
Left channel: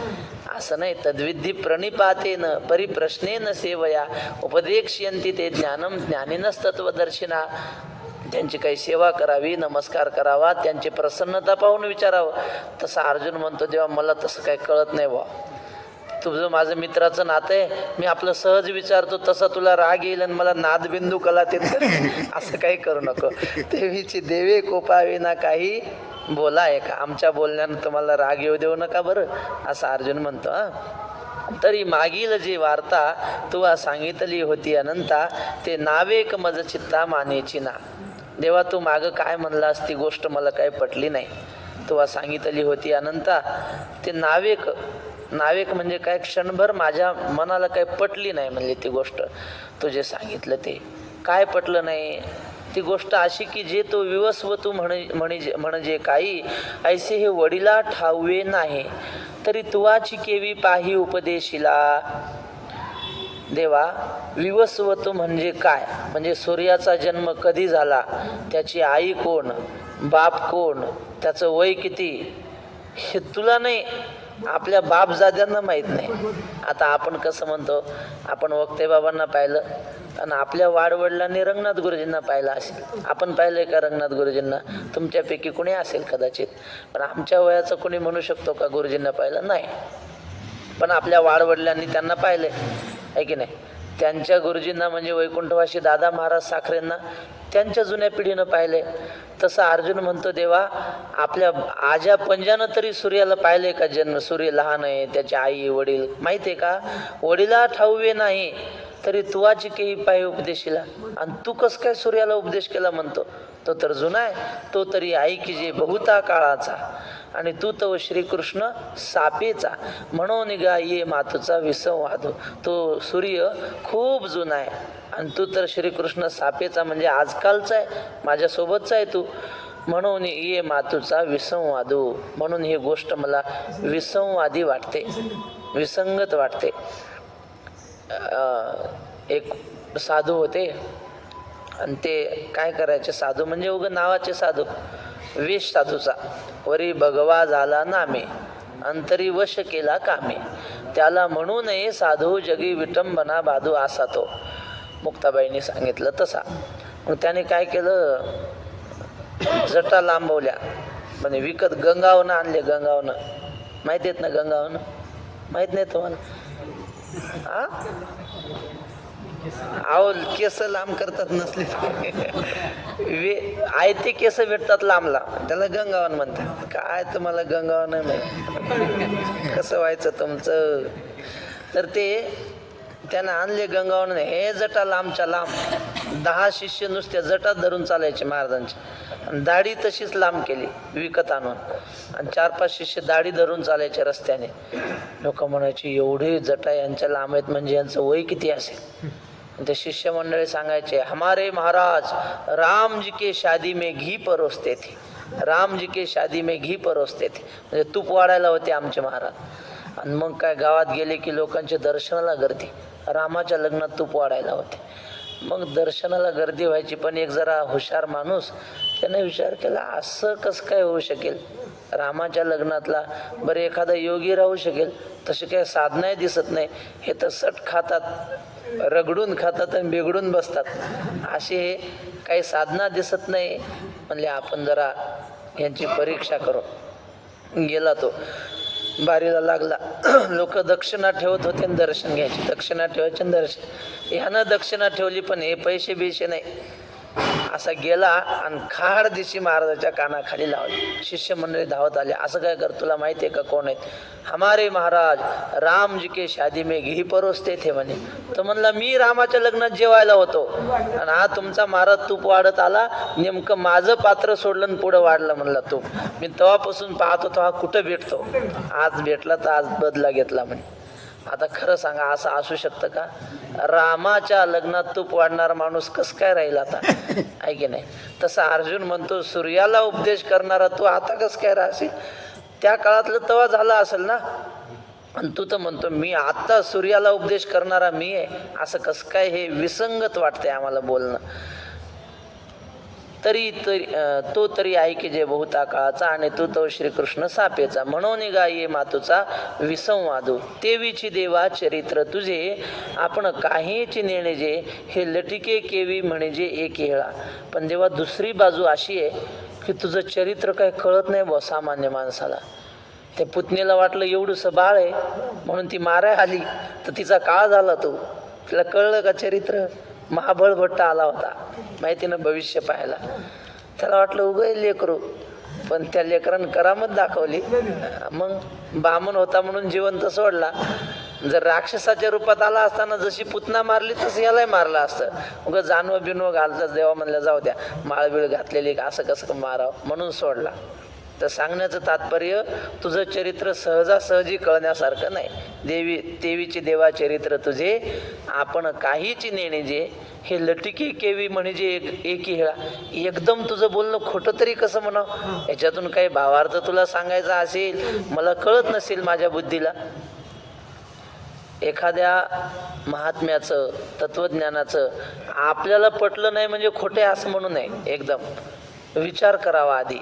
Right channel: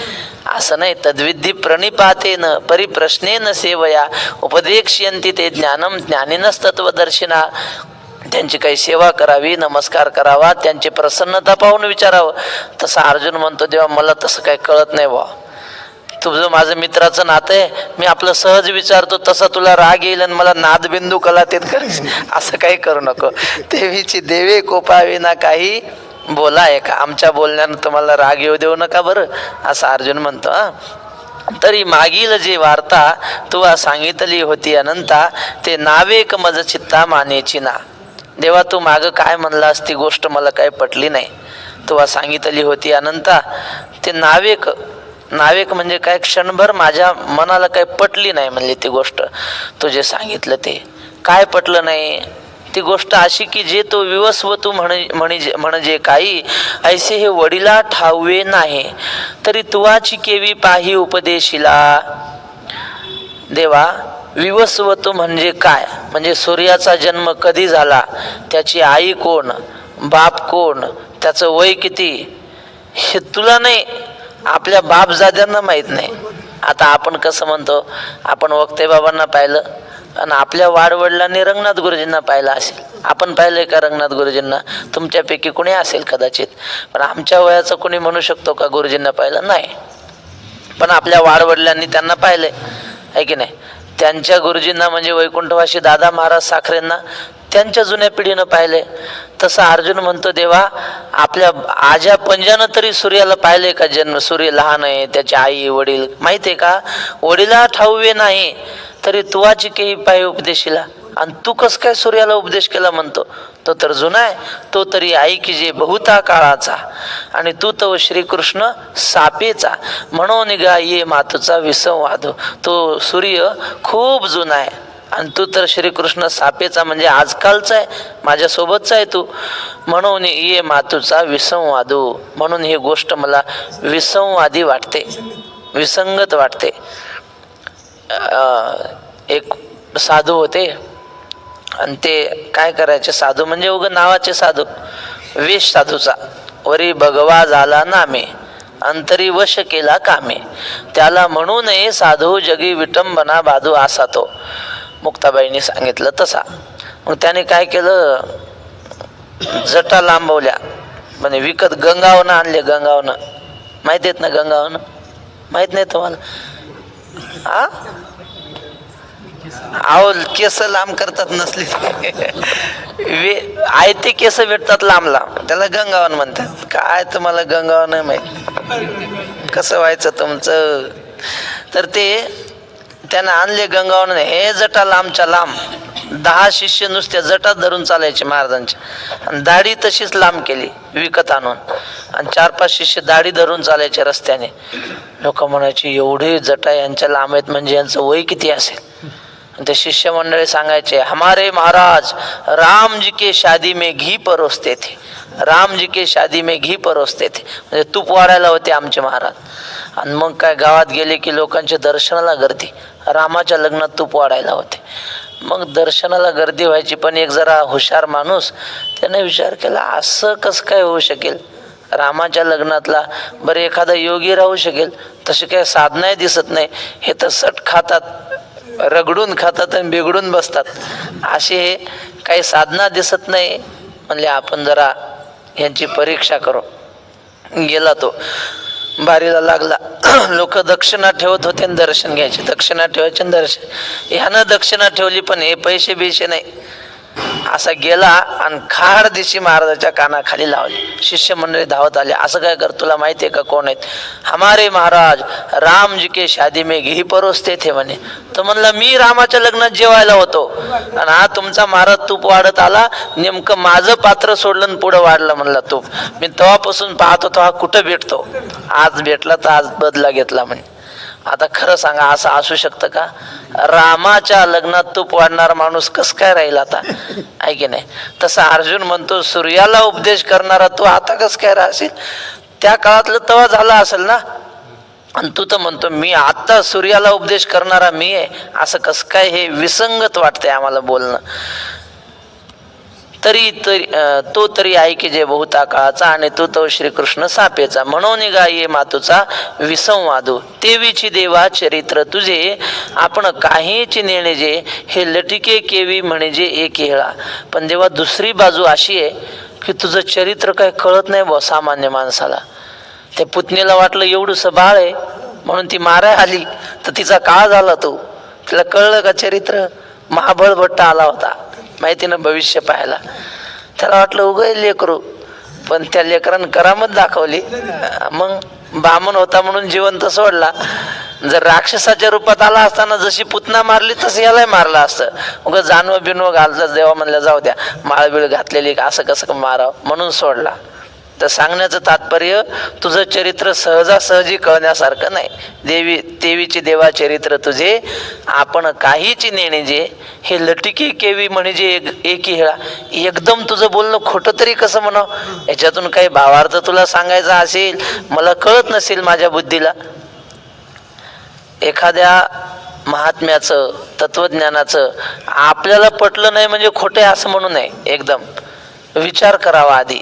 असं नाही. तद्विधी प्रणिपातेन परिप्रश्नेन सेवया उपदेक्ष्यन्ति ते ज्ञानम ज्ञानिनस्तत्वदर्शिना. त्यांची काही सेवा करावी, नमस्कार करावा, त्यांची प्रसन्नता पाहून विचारावं. तसं अर्जुन म्हणतो, देवा मला तसं काही कळत नाही बा, तुझं माझं मित्राचं नातं आहे, मी आपलं सहज विचारतो, तसा तुला राग येईल आणि मला नादबिंदू कलातीत करायचं. असं काही करू नको. देवीची देवे कोपावी ना काही बोला आहे का. आमच्या बोलण्यानं तुम्हाला राग येऊ देऊ नका बरं, असं अर्जुन म्हणतो. तरी मागील जे वार्ता तुला सांगितली होती अनंता, ते नावेक मज चित्ता मानेची ना. देवा तू मागं काय म्हणलास ती गोष्ट मला काही पटली नाही. तुला सांगितली होती अनंता, ते नावेक, नावेक म्हणजे काय, क्षणभर माझ्या मनाला काही पटली नाही म्हणली ती गोष्ट. तुझे सांगितलं ते काय पटलं नाही. ती गोष्ट अशी की जे तो विवस्वतू म्हणजे काही ऐसे हे वडिला ठावे नाही, तरी तुवाची केवी पाही उपदेशिला. देवा विवस्वतू म्हणजे काय, म्हणजे सूर्याचा जन्म कधी झाला, त्याची आई कोण, बाप कोण, त्याचं वय किती, हे तुला नाही, आपल्या बापजाद्यांना माहीत नाही. आता आपण कसं म्हणतो, आपण वक्ते बाबांना पाहिलं आणि आपल्या वाडवडिलांनी रंगनाथ गुरुजींना पाहिलं असेल. आपण पाहिलंय का रंगनाथ गुरुजींना? तुमच्यापैकी कुणी असेल कदाचित, पण आमच्या वयाचं कुणी म्हणू शकतो का गुरुजींना पाहिलं? नाही. पण आपल्या वाडवडिलांनी त्यांना पाहिलंय, आहे की नाही? त्यांच्या गुरुजींना म्हणजे वैकुंठवासी दादा महाराज साखरेंना त्यांच्या जुन्या पिढीनं पाहिले. तसं अर्जुन म्हणतो, देवा आपल्या आज्या पंजानं तरी सूर्याला पाहिले का? जन्म सूर्य लहान आहे, त्याची आई वडील माहिती आहे का? वडिला ठाऊवे नाही तरी तुवाची केही पाय उपदेशीला. आणि तू कस काय सूर्याला उपदेश केला म्हणतो? तो तर जुना आहे, तो तरी ऐकी जे बहुता काळाचा, आणि तू तो श्रीकृष्ण सापेचा, म्हणून गा ये मातुचा विसंवाद. तो सूर्य खूप जुना आहे आणि तू तर श्रीकृष्ण सापेचा म्हणजे आजकालचा आहे, माझ्यासोबतचा आहे तू. म्हणून ये मातुचा विसंवादू. म्हणून ही गोष्ट मला विसंवादी वाटते, विसंगत वाटते. एक साधू होते आणि ते काय करायचे, साधू म्हणजे उग नावाचे साधू, वेश साधूचा. वरी भगवा झाला नामे, अंतरी वश केला कामे, त्याला म्हणू नये साधू जगी विटंबना बाधू असा तो. मुक्ताबाईंनी सांगितलं तसा. मग त्याने काय केलं, जटा लांबवल्या, म्हणजे विकत गंगावनं आणले. गंगावनं माहिती आहेत ना? गंगावनं माहित नाही तुम्हाला? हा, आहो केस लांब करतात नसले आयते केस भेटतात लांब लांब, त्याला गंगावन म्हणतात. काय तुम्हाला गंगावन नाही माहिती कसं व्हायचं तुमचं? तर ते त्यानं आणले गंगावन. हे जटा लांबच्या लांब, 10 शिष्य नुसत्या जटात धरून चालायचे महाराजांच्या, आणि दाढी तशीच लांब केली विकत आणून, आणि 4-5 शिष्य दाढी धरून चालायचे रस्त्याने. लोक म्हणायचे एवढे जटा यांच्या लांब आहेत म्हणजे यांचं वय किती असेल? ते शिष्य मंडळी सांगायचे, हमारे महाराज राम जी के शादी में घी परोसते थे, राम जी के शादी में घी परोसते थे. म्हणजे तूप वाढायला होते आमचे महाराज. आणि मग काय, गावात गेले की लोकांच्या दर्शनाला गर्दी, रामाच्या लग्नात तूप वाढायला होते. मग दर्शनाला गर्दी व्हायची. पण एक जरा हुशार माणूस त्याने विचार केला, असं कसं काय होऊ शकेल? रामाच्या लग्नातला बरं एखादा योगी राहू शकेल, तसे काय साधनाही दिसत नाही. हे तर सट खातात, रगडून खातात आणि बिघडून बसतात, असे काही साधना दिसत नाही. म्हणले आपण जरा यांची परीक्षा करू. गेला तो, बारीला लागला. लोक दक्षिणा ठेवत होते आणि दर्शन घ्यायचे, दक्षिणा ठेवायचे आणि दर्शन. ह्यानं दक्षिणा ठेवली पण हे पैसे बिशे नाही. असा गेला आणि खाड दिशी महाराजाच्या कानाखाली लावली. शिष्य मंडळी धावत आले, असं काय कर, तुला माहिती आहे का कोण आहेत? हमारे महाराज राम जी के शादी में घी परोसते थे म्हणे. तर म्हणला मी रामाच्या लग्नात जेवायला होतो आणि हा तुमचा महाराज तूप वाढत आला, नेमकं माझं पात्र सोडलं आणि पुढं वाढलं म्हणला तूप. मी तेव्हापासून पाहत होतो हा कुठं भेटतो, आज भेटला तर आज बदला घेतला म्हणे. आता खरं सांगा, असं असू शकतं का? रामाच्या लग्नात तूप वाढणारा माणूस कस काय राहील आता, आहे की नाही? तसा अर्जुन म्हणतो, सूर्याला उपदेश करणारा तू आता कस काय राहशील? त्या काळातलं तेव्हा झाला असेल ना. आणि तू तर म्हणतो मी आता सूर्याला उपदेश करणारा मी आहे, असं कस काय? हे विसंगत वाटतंय आम्हाला बोलणं. तरी तो तरी ऐके जे बहुता काळाचा, आणि तू तो श्रीकृष्ण सापेचा. म्हणून गा ये मातुचा विसंवादू. तेवीची देवा चरित्र तुझे, आपण काहीची नेणे जे, हे लटिके केवी म्हणजे एक हेळा. पण देवा दुसरी बाजू अशी आहे की तुझं चरित्र काय कळत नाही बा सामान्य माणसाला. त्या पुतणीला वाटलं एवढंसं बाळ आहे म्हणून ती माराय आली, तर तिचा काळ झाला. तो तिला कळलं का चरित्र? महाबळ भट्ट आला होता माहिती ना भविष्य पाहायला. त्याला वाटलं उगय लेकरू, पण त्या लेकरानं करामत दाखवली. मग बामण होता म्हणून जिवंत सोडला. जर राक्षसाच्या रूपात आला असताना जशी पुतना मारली तसं यालाही मारला असतं. उगं जानवं बिनवं घालतात, देवा म्हणल्या जाऊ द्या, माळबिळ घातलेली असं कसं मारावं म्हणून सोडला. तर सांगण्याचं तात्पर्य, तुझं चरित्र सहजासहजी कळण्यासारखं नाही. तेवीचे देवा चरित्र तुझे, आपण काहीची नेणे जे, हे लटिके केवी म्हणजे एकी हेळा. एकदम तुझं बोलणं खोटं तरी कसं म्हणावं? याच्यातून काही भावार्थ तुला सांगायचा असेल, मला कळत नसेल माझ्या बुद्धीला. एखाद्या महात्म्याचं तत्वज्ञानाचं आपल्याला पटलं नाही म्हणजे खोटे असं म्हणू नये. एकदम विचार करावा आधी,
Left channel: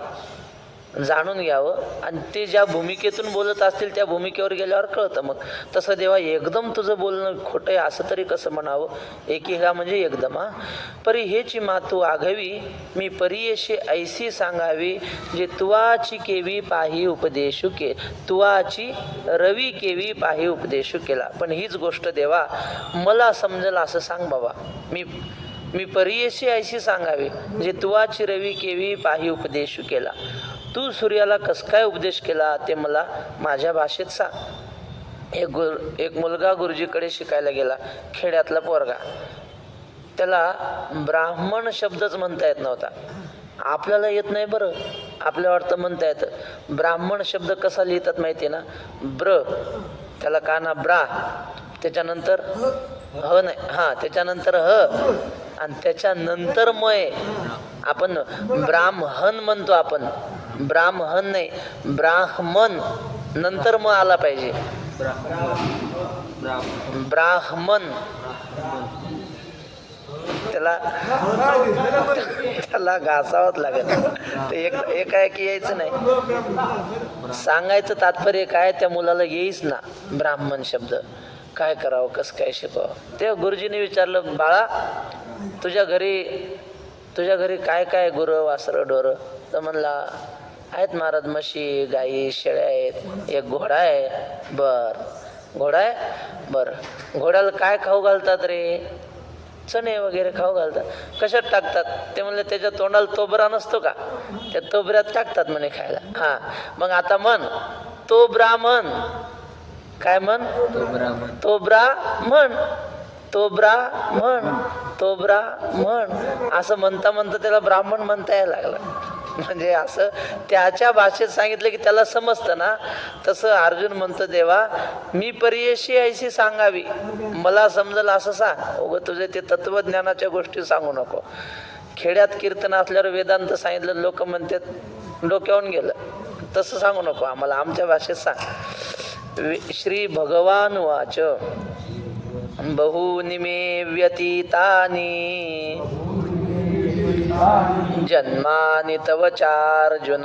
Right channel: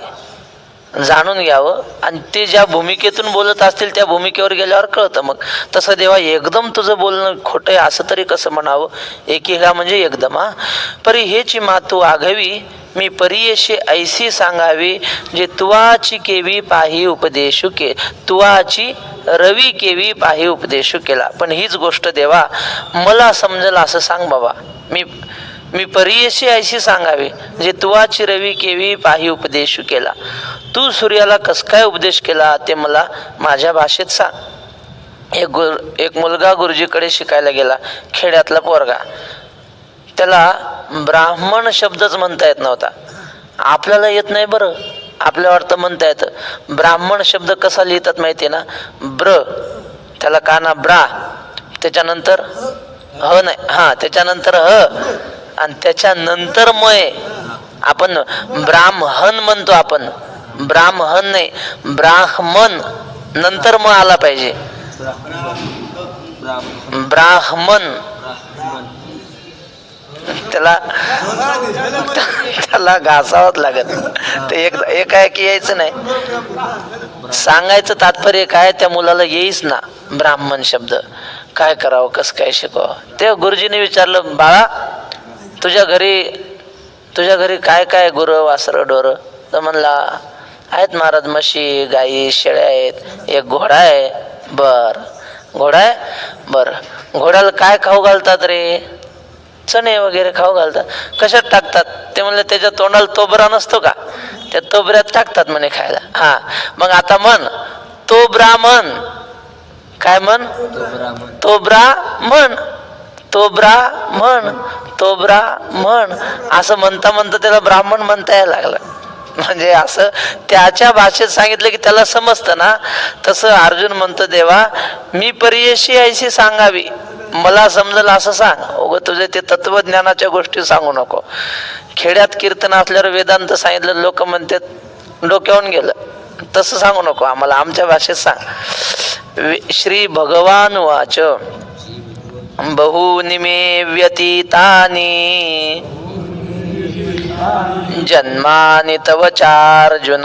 जाणून घ्यावं, आणि ते ज्या भूमिकेतून बोलत असतील त्या भूमिकेवर गेल्यावर कळतं. मग तसं देवा एकदम तुझं बोलणं खोटं आहे असं तरी कसं म्हणावं? एकेका म्हणजे एकदम. परी हेची मातू आघवी मी परियेशी ऐसी सांगावी, जे तुवाची केवी पाही उपदेशू के, तुवाची रवी केवी पाही उपदेशू केला. पण हीच गोष्ट देवा मला समजेल असं सांग बाबा. मी परियेशी ऐशी सांगावी, जे तुवाची रवी केवी पाही उपदेशू केला. तू सूर्याला कस काय उपदेश केला ते मला माझ्या भाषेत सांग. एक मुलगा गुरुजीकडे शिकायला गेला, खेड्यातला पोरगा. त्याला ब्राह्मण शब्दच म्हणता येत नव्हता. आपल्याला येत नाही बरं, आपल्या वाटतं म्हणता येतं. ब्राह्मण शब्द कसा लिहितात माहिती ना? ब्र, त्याला काना ब्रा, त्याच्यानंतर ह नाही, त्याच्यानंतर ह, आणि त्याच्यानंतर मय. आपण ब्राह्मण म्हणतो, आपण ब्राह्मण नाही, ब्राह्मण नंतर म आला पाहिजे. ब्राह्मण, त्याला घासावंच लागत. ते एकाएकी यायचं नाही. सांगायचं तात्पर्य काय, त्या मुलाला येईच ना ब्राह्मण शब्द. काय करावं, कसं काय शिकावं? ते गुरुजीने विचारलं, बाळा तुझ्या घरी काय काय गुरं वासरं ढोरं? तर म्हणला, आहेत महाराज, म्हशी गाई शेळ्या आहेत, एक घोडा आहे. बर, घोडा आहे. बर, घोड्याला काय खाऊ घालतात रे? चणे वगैरे खाऊ घालतात. कशात टाकतात? ते म्हणलं, त्याच्या तोंडाला तोबरा नसतो का, त्या तोबऱ्यात टाकतात म्हणे खायला. मग आता म्हण, तो ब्राह्मण. काय म्हण? तो ब्राह्मण, तो ब्राह्मण, तो ब्राह्मण. असं म्हणता म्हणता त्याला ब्राह्मण म्हणता यायला लागलं. म्हणजे असं त्याच्या भाषेत सांगितलं की त्याला समजतं ना. तसं अर्जुन म्हणतो, देवा मी परियेशी ऐशी सांगावी, मला समजलं असं सांग. उगं तुझे ते तत्वज्ञानाच्या गोष्टी सांगू नको. खेड्यात कीर्तन असल्यावर वेदांत सांगितलं, लोक म्हणतात डोक्यावरून गेलं. तसं सांगू नको आम्हाला, आमच्या भाषेत सांग. श्री भगवान वाच बहूनि मे व्यतीतानि जन्मानि तव चार्जुन,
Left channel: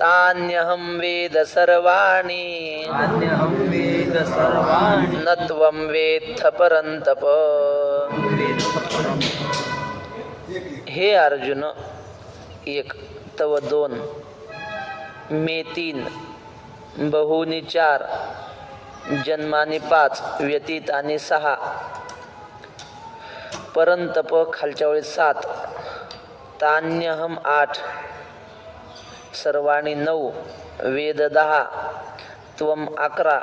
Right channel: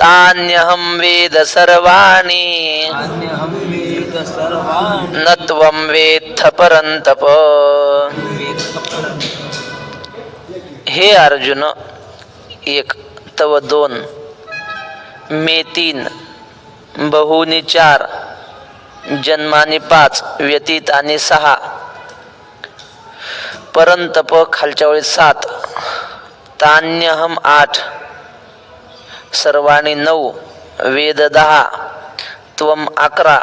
तान्यहं वेद सर्वाणि न त्वं वेत्थ परन्तप. हे अर्जुन, एक, तव दोन, मे तीन, बहुनी चार, जन्मानी पाच, व्यतीत आणि सहा, परंतप खालच्या वेळी सात, तान्यहम आठ, सर्वाणी नऊ, वेद 10, त्वम 11,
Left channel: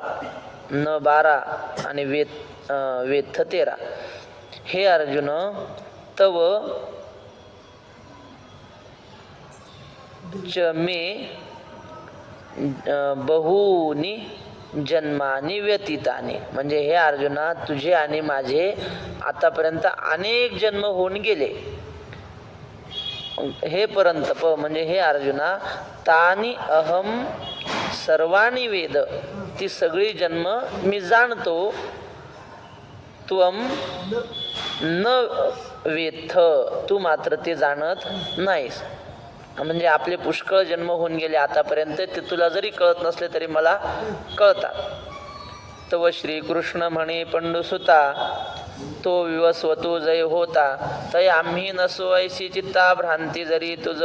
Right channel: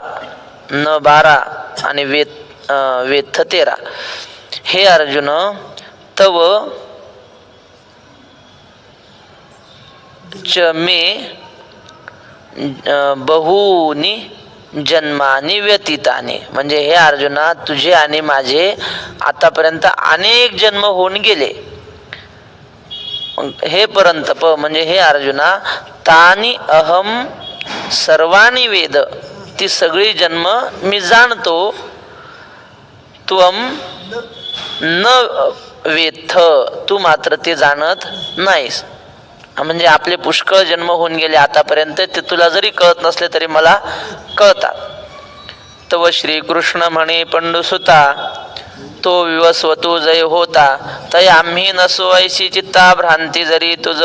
न 12 आणि वेत्थ 13. हे अर्जुन, तव च मे बहुनी जन्मानी व्यतीतानी. म्हणजे हे अर्जुना, तुझे आणि माझे आतापर्यंत अनेक जन्म होऊन गेले. हे परंतप म्हणजे हे अर्जुना, तानी अहम सर्वाणी वेद, ती सगळी जन्म मी जाणतो. त्वम न वेत्थ, तू मात्र ते जाणत नाहीस. म्हणजे आपले पुष्कळ जन्म होऊन गेले आतापर्यंत, ते तुला जरी कळत नसले तरी मला कळतात. तव श्रीकृष्ण म्हणे पंडुसुता, तो विवस्वतू जय होता, तय आम्ही नसो ऐशी चित्ता भ्रांती जरी तुझ.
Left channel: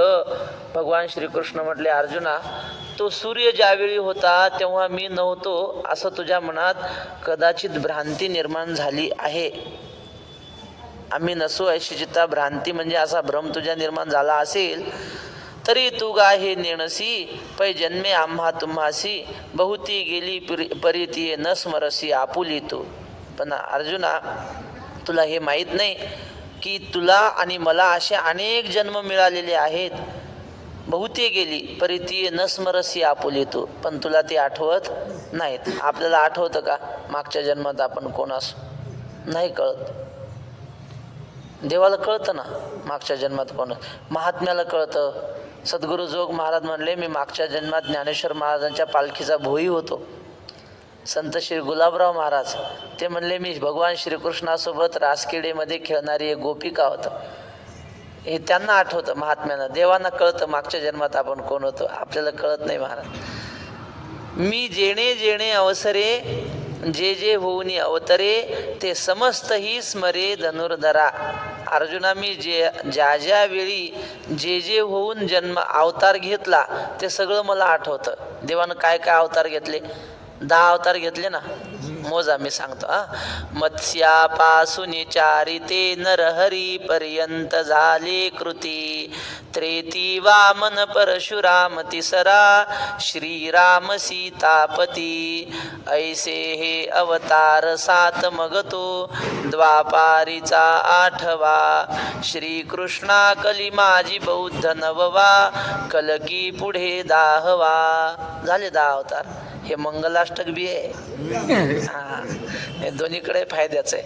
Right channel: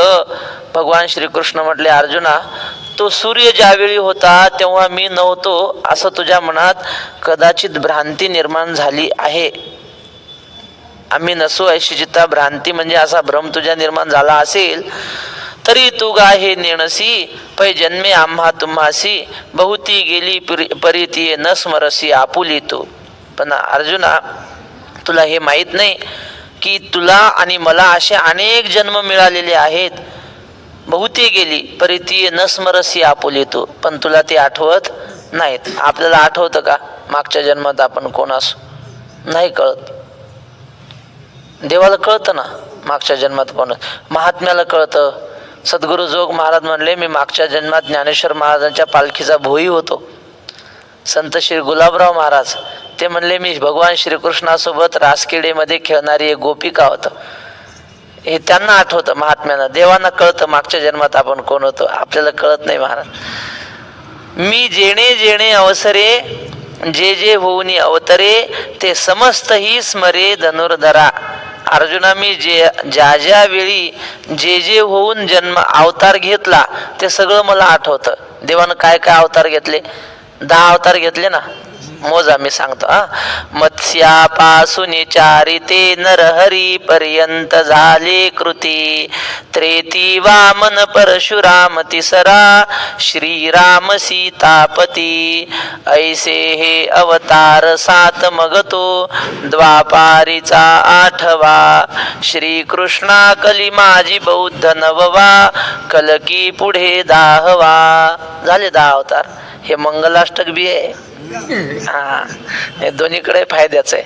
भगवान श्रीकृष्ण म्हटले, अर्जुना तो सूर्य ज्यावेळी होता तेव्हा मी नव्हतो असं तुझ्या मनात कदाचित भ्रांती निर्माण झाली आहे. आम्ही नसो ऐशी चित्ता भ्रांती म्हणजे असा भ्रम तुझ्या निर्माण झाला असेल तरी तू गा हे नेणसी, पै जन्मे आम्हा तुम्हासी, बहुती गेली परिती न स्मरसी आपुली तू. पण अर्जुना, तुला हे माहित नाही की तुला आणि मला असे अनेक जन्म मिळालेले आहेत. बहुती गेली परिती न स्मरसी आपुली तू, पण तुला ते आठवत नाहीत. आपल्याला आठवतं का मागच्या जन्मात आपण कोण असो? नाही कळत. देवाला कळतं ना मागच्या जन्मात कोण. महात्म्याला कळतं. सद्गुरु जोग महाराज म्हणले, मी मागच्या जन्मात ज्ञानेश्वर महाराजांच्या पालखीचा भोई होतो. संत श्री गुलाबराव महाराज ते म्हणले, मी भगवान श्रीकृष्णासोबत रासखेडेमध्ये खेळणारी एक गोपिका होत. हे त्यांना आठवतं महात्म्यानं. देवांना कळतं मागच्या जन्मात आपण कोण होतो, आपल्याला कळत नाही महाराज. मी जेणे जेणे अवसरे जे जे होऊनी अवतरे ते समस्त ही स्मरे धनुर्धरा. अर्जुना, मी ज्या ज्या वेळी जे जे होऊन जन्म अवतार घेतला ते सगळं मला आठवतं. देवानं काय काय अवतार घेतले? 10 अवतार घेतले ना, मोजा मी सांगतो. मत्स्यापासून चारिते नरहरी पर्यंत झाले कृती. त्रेती वामन परशुराम तिसरा श्रीराम सीतापती. ऐसे हे अवतार 7 मग तो द्वापारीचा 8वा. श्रीकृष्णा कली माझी बौद्ध 9वा. कलकी पुढे 10वा. झाले 10 अवतार. हे मंगलाष्टक बी आहे. हे दोन्हीकडे फायद्याच आहे.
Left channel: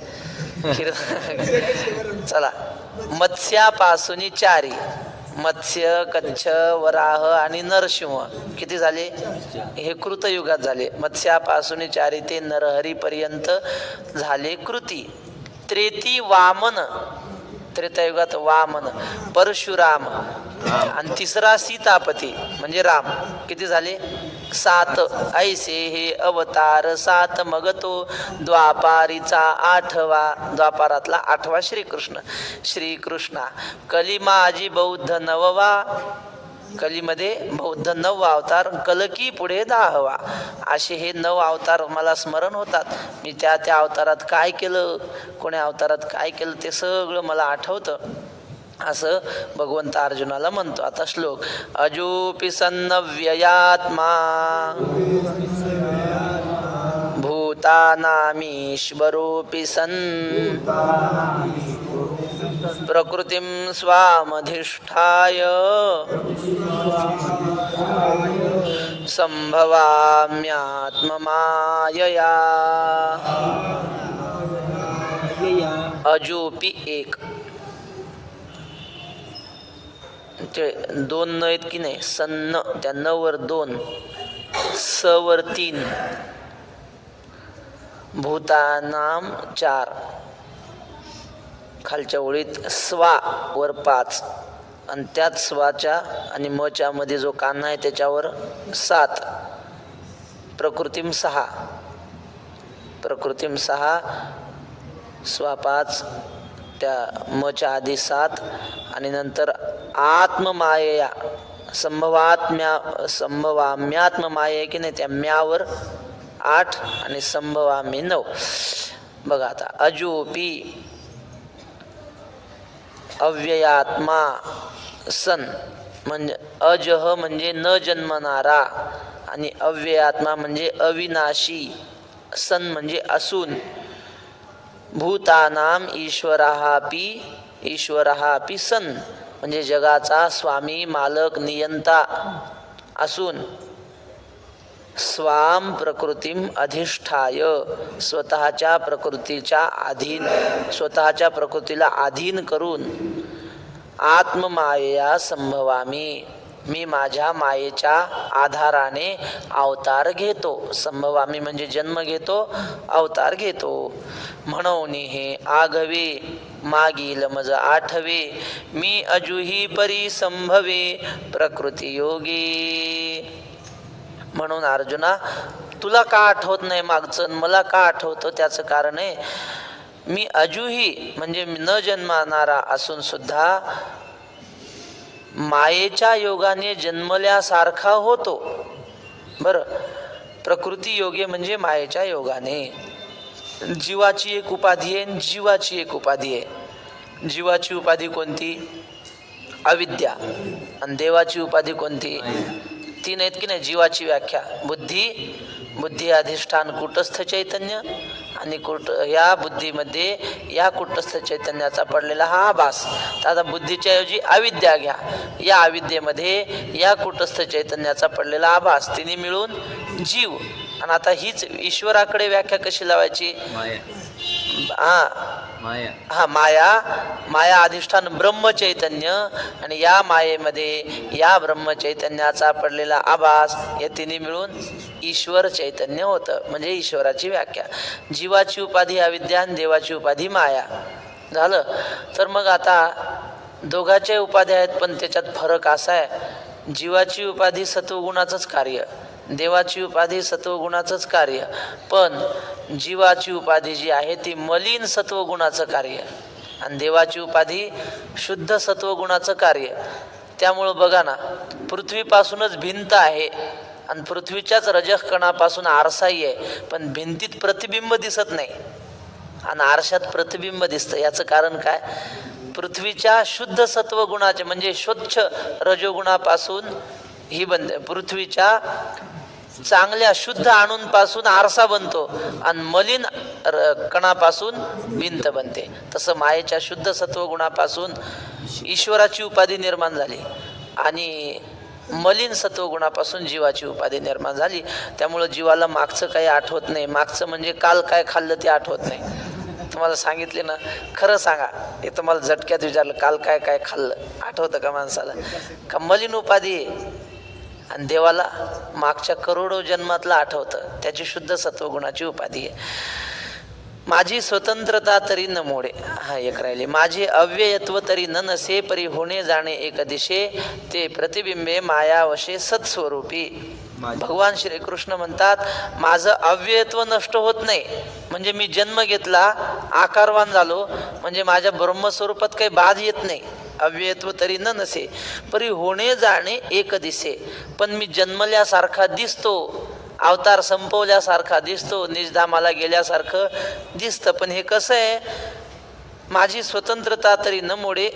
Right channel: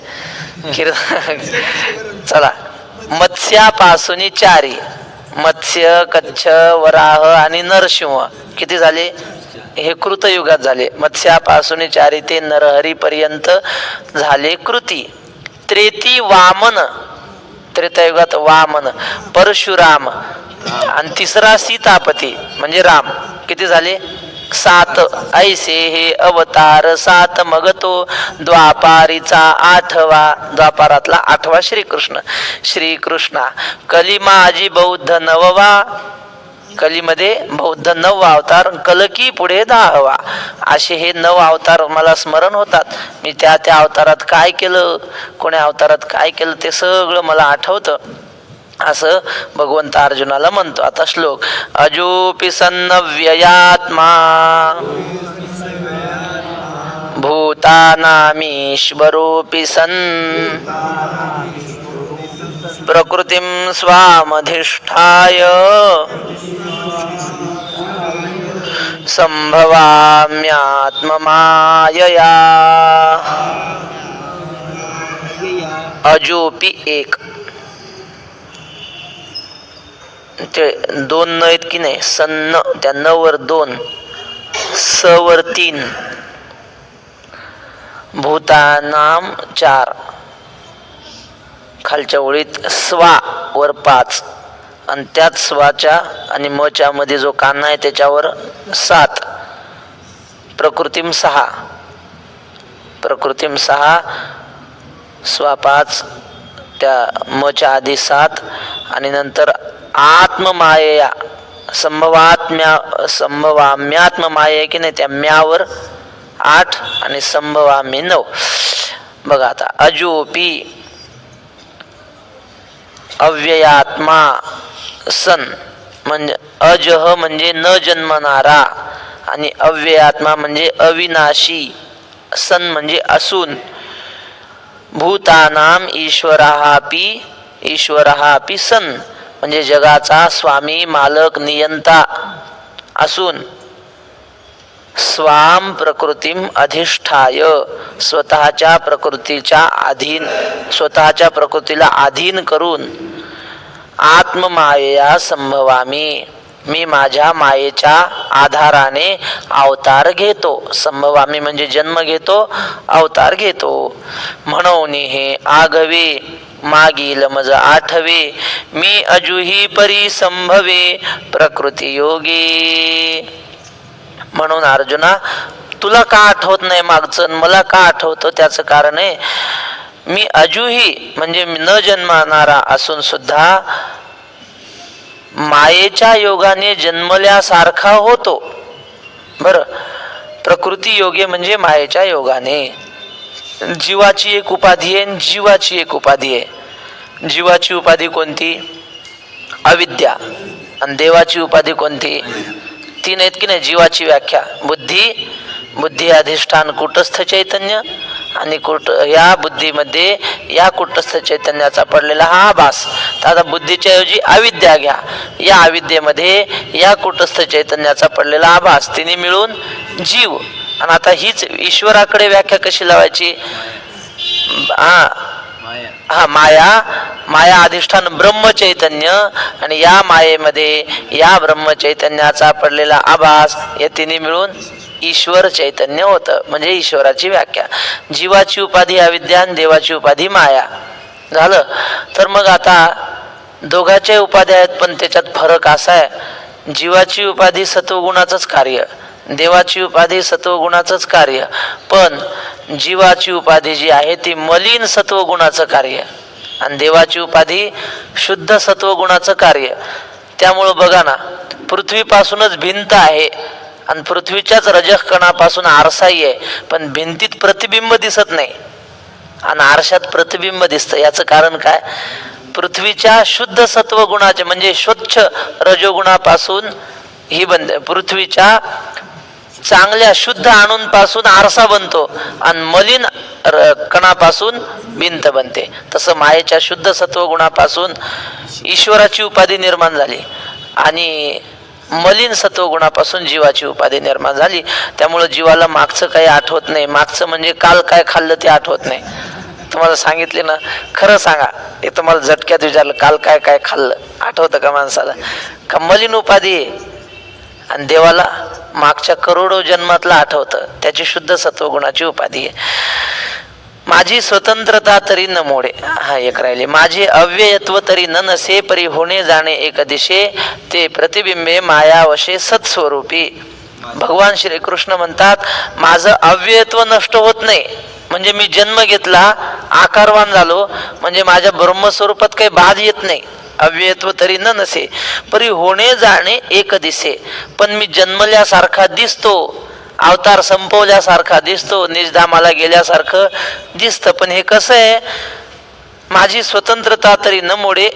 चला, मत्स्यापासून 4, मत्स्य, कच्छ, वराह आणि नरसिंह किती झाले? हे कृतयुगात झाले. मत्स्यापासून 4 ते नरहरी पर्यंत झाले कृती. त्रेती वामन, त्रेतायुगात वामन, परशुराम आणि तिसरा सीतापती म्हणजे राम. किती झाले? 7. ऐसे हे अवतार 7 मग तो द्वापारीचा 8वा. द्वापारातला 8वा श्रीकृष्ण. श्रीकृष्णा कली माझी बौद्ध 9वा. कलीमध्ये बौद्ध 9वा अवतार. कलकी पुढे 10वा. असे हे 9 अवतार मला स्मरण होतात. मी त्या त्या अवतारात काय केलं, कोण्या अवतारात काय केलं ते सगळं मला आठवतं, असं भगवंत अर्जुनाला म्हणतो. आता श्लोक. अजोपि सन्नव्ययात्मा भूतानामीश्वरोऽपि सन् प्रकृतिं स्वामधिष्ठाय संभवाम्यात्ममायया. अजोपि 1, ते 2 न आहेत की नाही. सन्न, त्या 9 वर 2, स वर 3, भूतानाम 4, खालच्या ओळीत स्वा वर 5 आणि त्यात स्वाच्या आणि मच्या मध्ये जो काना आहे त्याच्यावर 7. प्रकृतीम 6, प्रकृतीम 6, स्वा 5, त्या मच्या आधी 7 आणि नंतर आत्ममायया संभवाम्यात्ममाया की नाही, त्या म्यावर 8 आणि संभवामी 9. बघा आता. अजोपी अव्ययात्मा सन म्हणजे अजह म्हणजे न जन्मणारा आणि अव्ययात्मा म्हणजे अविनाशी. सन म्हणजे असून. भूतानाम ईश्वरहापि सन म्हणजे जगाचा स्वामी, मालक, नियंता असून. स्वाम प्रकृतीम अधिष्ठाय स्वतःच्या प्रकृतीला अधीन करून. आत्ममायया संभवामी मी माझ्या मायेच्या आधाराने अवतार घेतो. संभवामी म्हणजे जन्म घेतो, अवतार घेतो. म्हणून हे आघवे मागील मज 8वे मी अजुही परी संभवे प्रकृती योगी. म्हणून अर्जुना, तुला का आठवत नाही मागचं, मला का आठवतं? त्याचं कारण आहे मी अजुही म्हणजे न जन्मणारा असून सुद्धा मायेच्या योगाने जन्मल्यासारखा होतो. बर, प्रकृती योगे म्हणजे मायेच्या योगाने. जीवाची एक उपाधी आहे, जीवाची एक उपाधी आहे. जीवाची उपाधी कोणती? अविद्या. आणि देवाची उपाधी कोणती? 3 आहेत की नाही. जीवाची व्याख्या बुद्धी अधिष्ठान कूटस्थ चैतन्य आणि या बुद्धीमध्ये या कूटस्थ चैतन्याचा पडलेला हा आभास. तर आता बुद्धीच्या ऐवजी अविद्या घ्या. या अविद्येमध्ये या कूटस्थ चैतन्याचा पडलेला आभास, तिने मिळून जीव. आणि आता हीच ईश्वराकडे व्याख्या कशी लावायची? माया अधिष्ठान ब्रह्म चैतन्य आणि या मायेमध्ये या ब्रह्म चैतन्याचा पडलेला आभास, या तिन्ही मिळून ईश्वर चैतन्य होतं. म्हणजे ईश्वराची व्याख्या. जीवाची उपाधी अविद्या आणि देवाची उपाधी माया. झालं. तर मग आता दोघांच्या उपाध्या आहेत, पण त्याच्यात फरक असा आहे, जीवाची उपाधी सत्वगुणाचंच कार्य, देवाची उपाधी सत्वगुणाचंच कार्य, पण जीवाची उपाधी जी आहे ती मलिन सत्वगुणाचं कार्य आणि देवाची उपाधी शुद्ध सत्वगुणाचं कार्य. त्यामुळं बघा ना, पृथ्वीपासूनच भिंत आहे आणि पृथ्वीच्याच रजकणापासून आरसाही आहे, पण भिंतीत प्रतिबिंब दिसत नाही आणि आरशात प्रतिबिंब दिसतं. याचं कारण काय? पृथ्वीच्या शुद्ध सत्वगुणाचे म्हणजे स्वच्छ रजोगुणापासून ही बनते, पृथ्वीच्या चांगल्या शुद्ध अणूंपासून आरसा बनतो आणि मलिन कणापासून भिंत बनते. तसं मायेच्या शुद्ध सत्वगुणापासून ईश्वराची उपाधी निर्माण झाली आणि मलिन सत्वगुणापासून जीवाची उपाधी निर्माण झाली. त्यामुळं जीवाला मागचं काही आठवत नाही. मागचं म्हणजे काल काय खाल्लं ते आठवत नाही. तुम्हाला सांगितले ना, खरं सांगा, हे तुम्हाला झटक्यात विचारलं, काल काय काय खाल्लं आठवतं का माणसाला? का मलिन उपाधी आहे. आणि देवाला मागच्या करोडो जन्मातला आठवतं, त्याची शुद्ध सत्वगुणाची उपाधी आहे. माझी स्वतंत्रता तरी न मोडे, हा एक राहिले. माझे अव्ययत्व तरी न नसे, परी होणे जाणे एक दिशे, ते प्रतिबिंबे मायावशे सत्स्वरूपी. भगवान श्रीकृष्ण म्हणतात, माझं अव्ययत्व नष्ट होत नाही, म्हणजे मी जन्म घेतला, आकारवान झालो, म्हणजे माझ्या ब्रह्मस्वरूपात काही बाध येत नाही. अव्ययत्व तरी न नसे, परी होणे जाणे एक दिसे, पण मी जन्मल्यासारखा दिसतो, अवतार संपवल्यासारखा दिसतो, निजधामाला गेल्यासारखं दिसतं. पण हे कसं आहे? माझी स्वतंत्रता तरी न मोडे,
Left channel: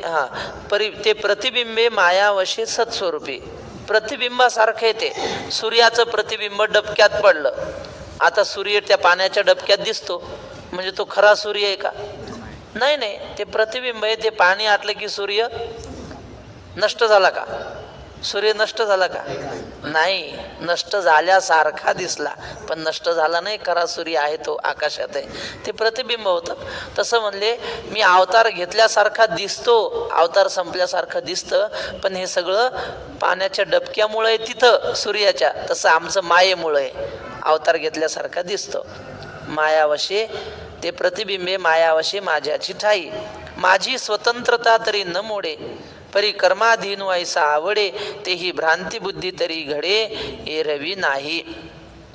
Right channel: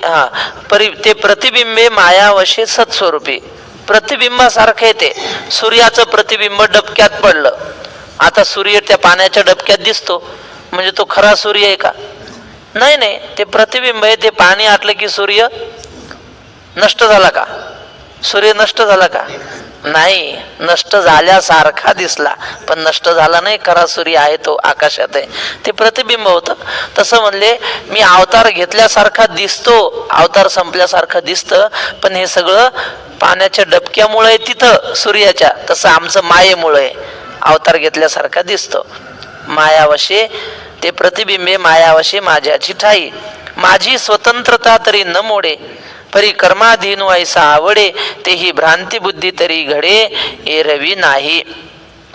ते प्रतिबिंबे मायावशे सत्स्वरूपी. प्रतिबिंबासारखं येते. सूर्याचं प्रतिबिंब डबक्यात पडलं, आता सूर्य त्या पाण्याच्या डबक्यात दिसतो, म्हणजे तो खरा सूर्य आहे का? नाही नाही, ते प्रतिबिंब आहे. ते पाणी आटलं की सूर्य नष्ट झाला का? सूर्य नष्ट झाला का? नाही, नष्ट झाल्यासारखा दिसला, पण नष्ट झाला नाही. खरा सूर्य आहे तो आकाशात आहे, ते प्रतिबिंब होतं. तसं म्हणले, मी अवतार घेतल्यासारखा दिसतो, अवतार संपल्यासारखं दिसतं, पण हे सगळं पाण्याच्या डबक्यामुळे तिथं सूर्याच्या. तसं आमचं मायेमुळे अवतार घेतल्यासारखा दिसतो. मायावशे ते प्रतिबिंबे मायावशे माझ्याची ठाई, माझी स्वतंत्रता तरी न मोडे, परी कर्माधीन व्हायसा आवडे, तेही भ्रांती बुद्धी तरी घडे, एरवी नाही.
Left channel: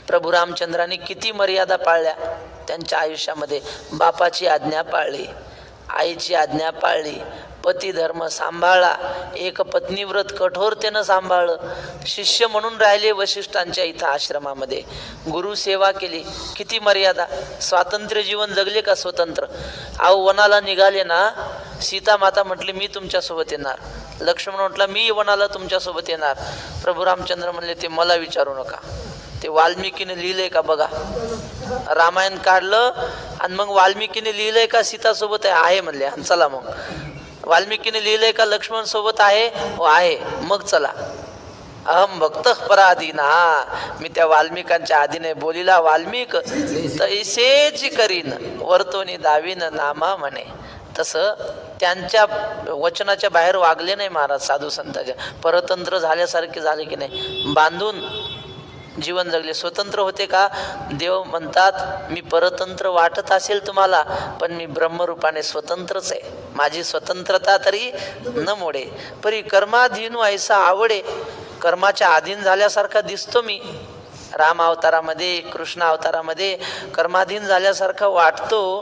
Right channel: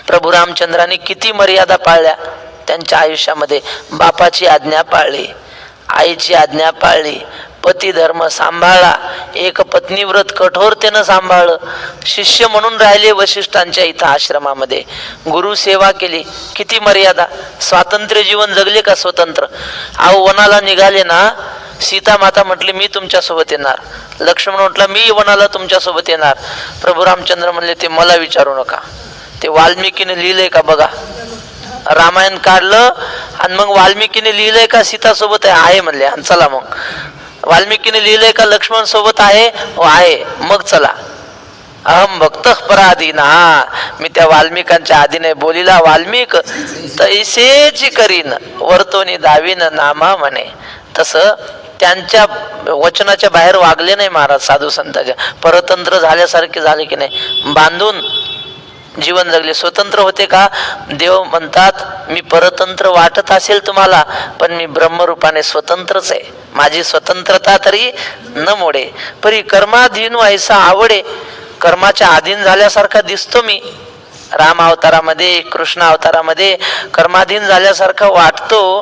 प्रभू रामचंद्राने किती मर्यादा पाळल्या त्यांच्या आयुष्यामध्ये. बापाची आज्ञा पाळली, आईची आज्ञा पाळली, पती धर्म सांभाळला, एक पत्नीव्रत कठोरतेनं सांभाळलं, शिष्य म्हणून राहिले वशिष्ठांच्या इथं आश्रमामध्ये, गुरु सेवा केली. किती मर्यादा. स्वातंत्र्य जीवन जगले का? स्वतंत्र. अहो, वनाला निघाले ना, सीता माता म्हटली मी तुमच्या सोबत येणार, लक्ष्मण म्हटला मी वनाला तुमच्या सोबत येणार. प्रभू रामचंद्र म्हणले ते मला विचारू नका, ते वाल्मिकीने लिहिलंय का बघा. रामायण काढलं आणि मग वाल्मिकीने लिहिलंय का सीता सोबत आहे म्हणले, आणि चला मग. वाल्मिकीने लिहिलंय का लक्ष्मण सोबत आहे? हो आहे, मग चला. अहम भक्त पराधीन, मी त्या वाल्मिकांच्या आधीने बोलिला वाल्मिक तैसेच करीन, वर्तोनी दावीन नामा म्हणे. तसं त्यांच्या वचनाच्या बाहेर वागले नाही महाराज. साधू संतांच्या परतंत्र झाल्यासारखे झाले की नाही, बांधून जीवन जगले. स्वतंत्र होते का? देव म्हणतात मी परतंत्र वाटत असेल तुम्हाला, पण मी ब्रह्मरूपाने स्वतंत्रच आहे, माझी स्वतंत्रता तरी न मोडे, परी कर्माधीन व्हायचा आवडे, कर्माच्या अधीन झाल्यासारखा दिसतो मी. राम अवतारामध्ये, कृष्ण अवतारामध्ये कर्माधीन झाल्यासारखं वाटतो,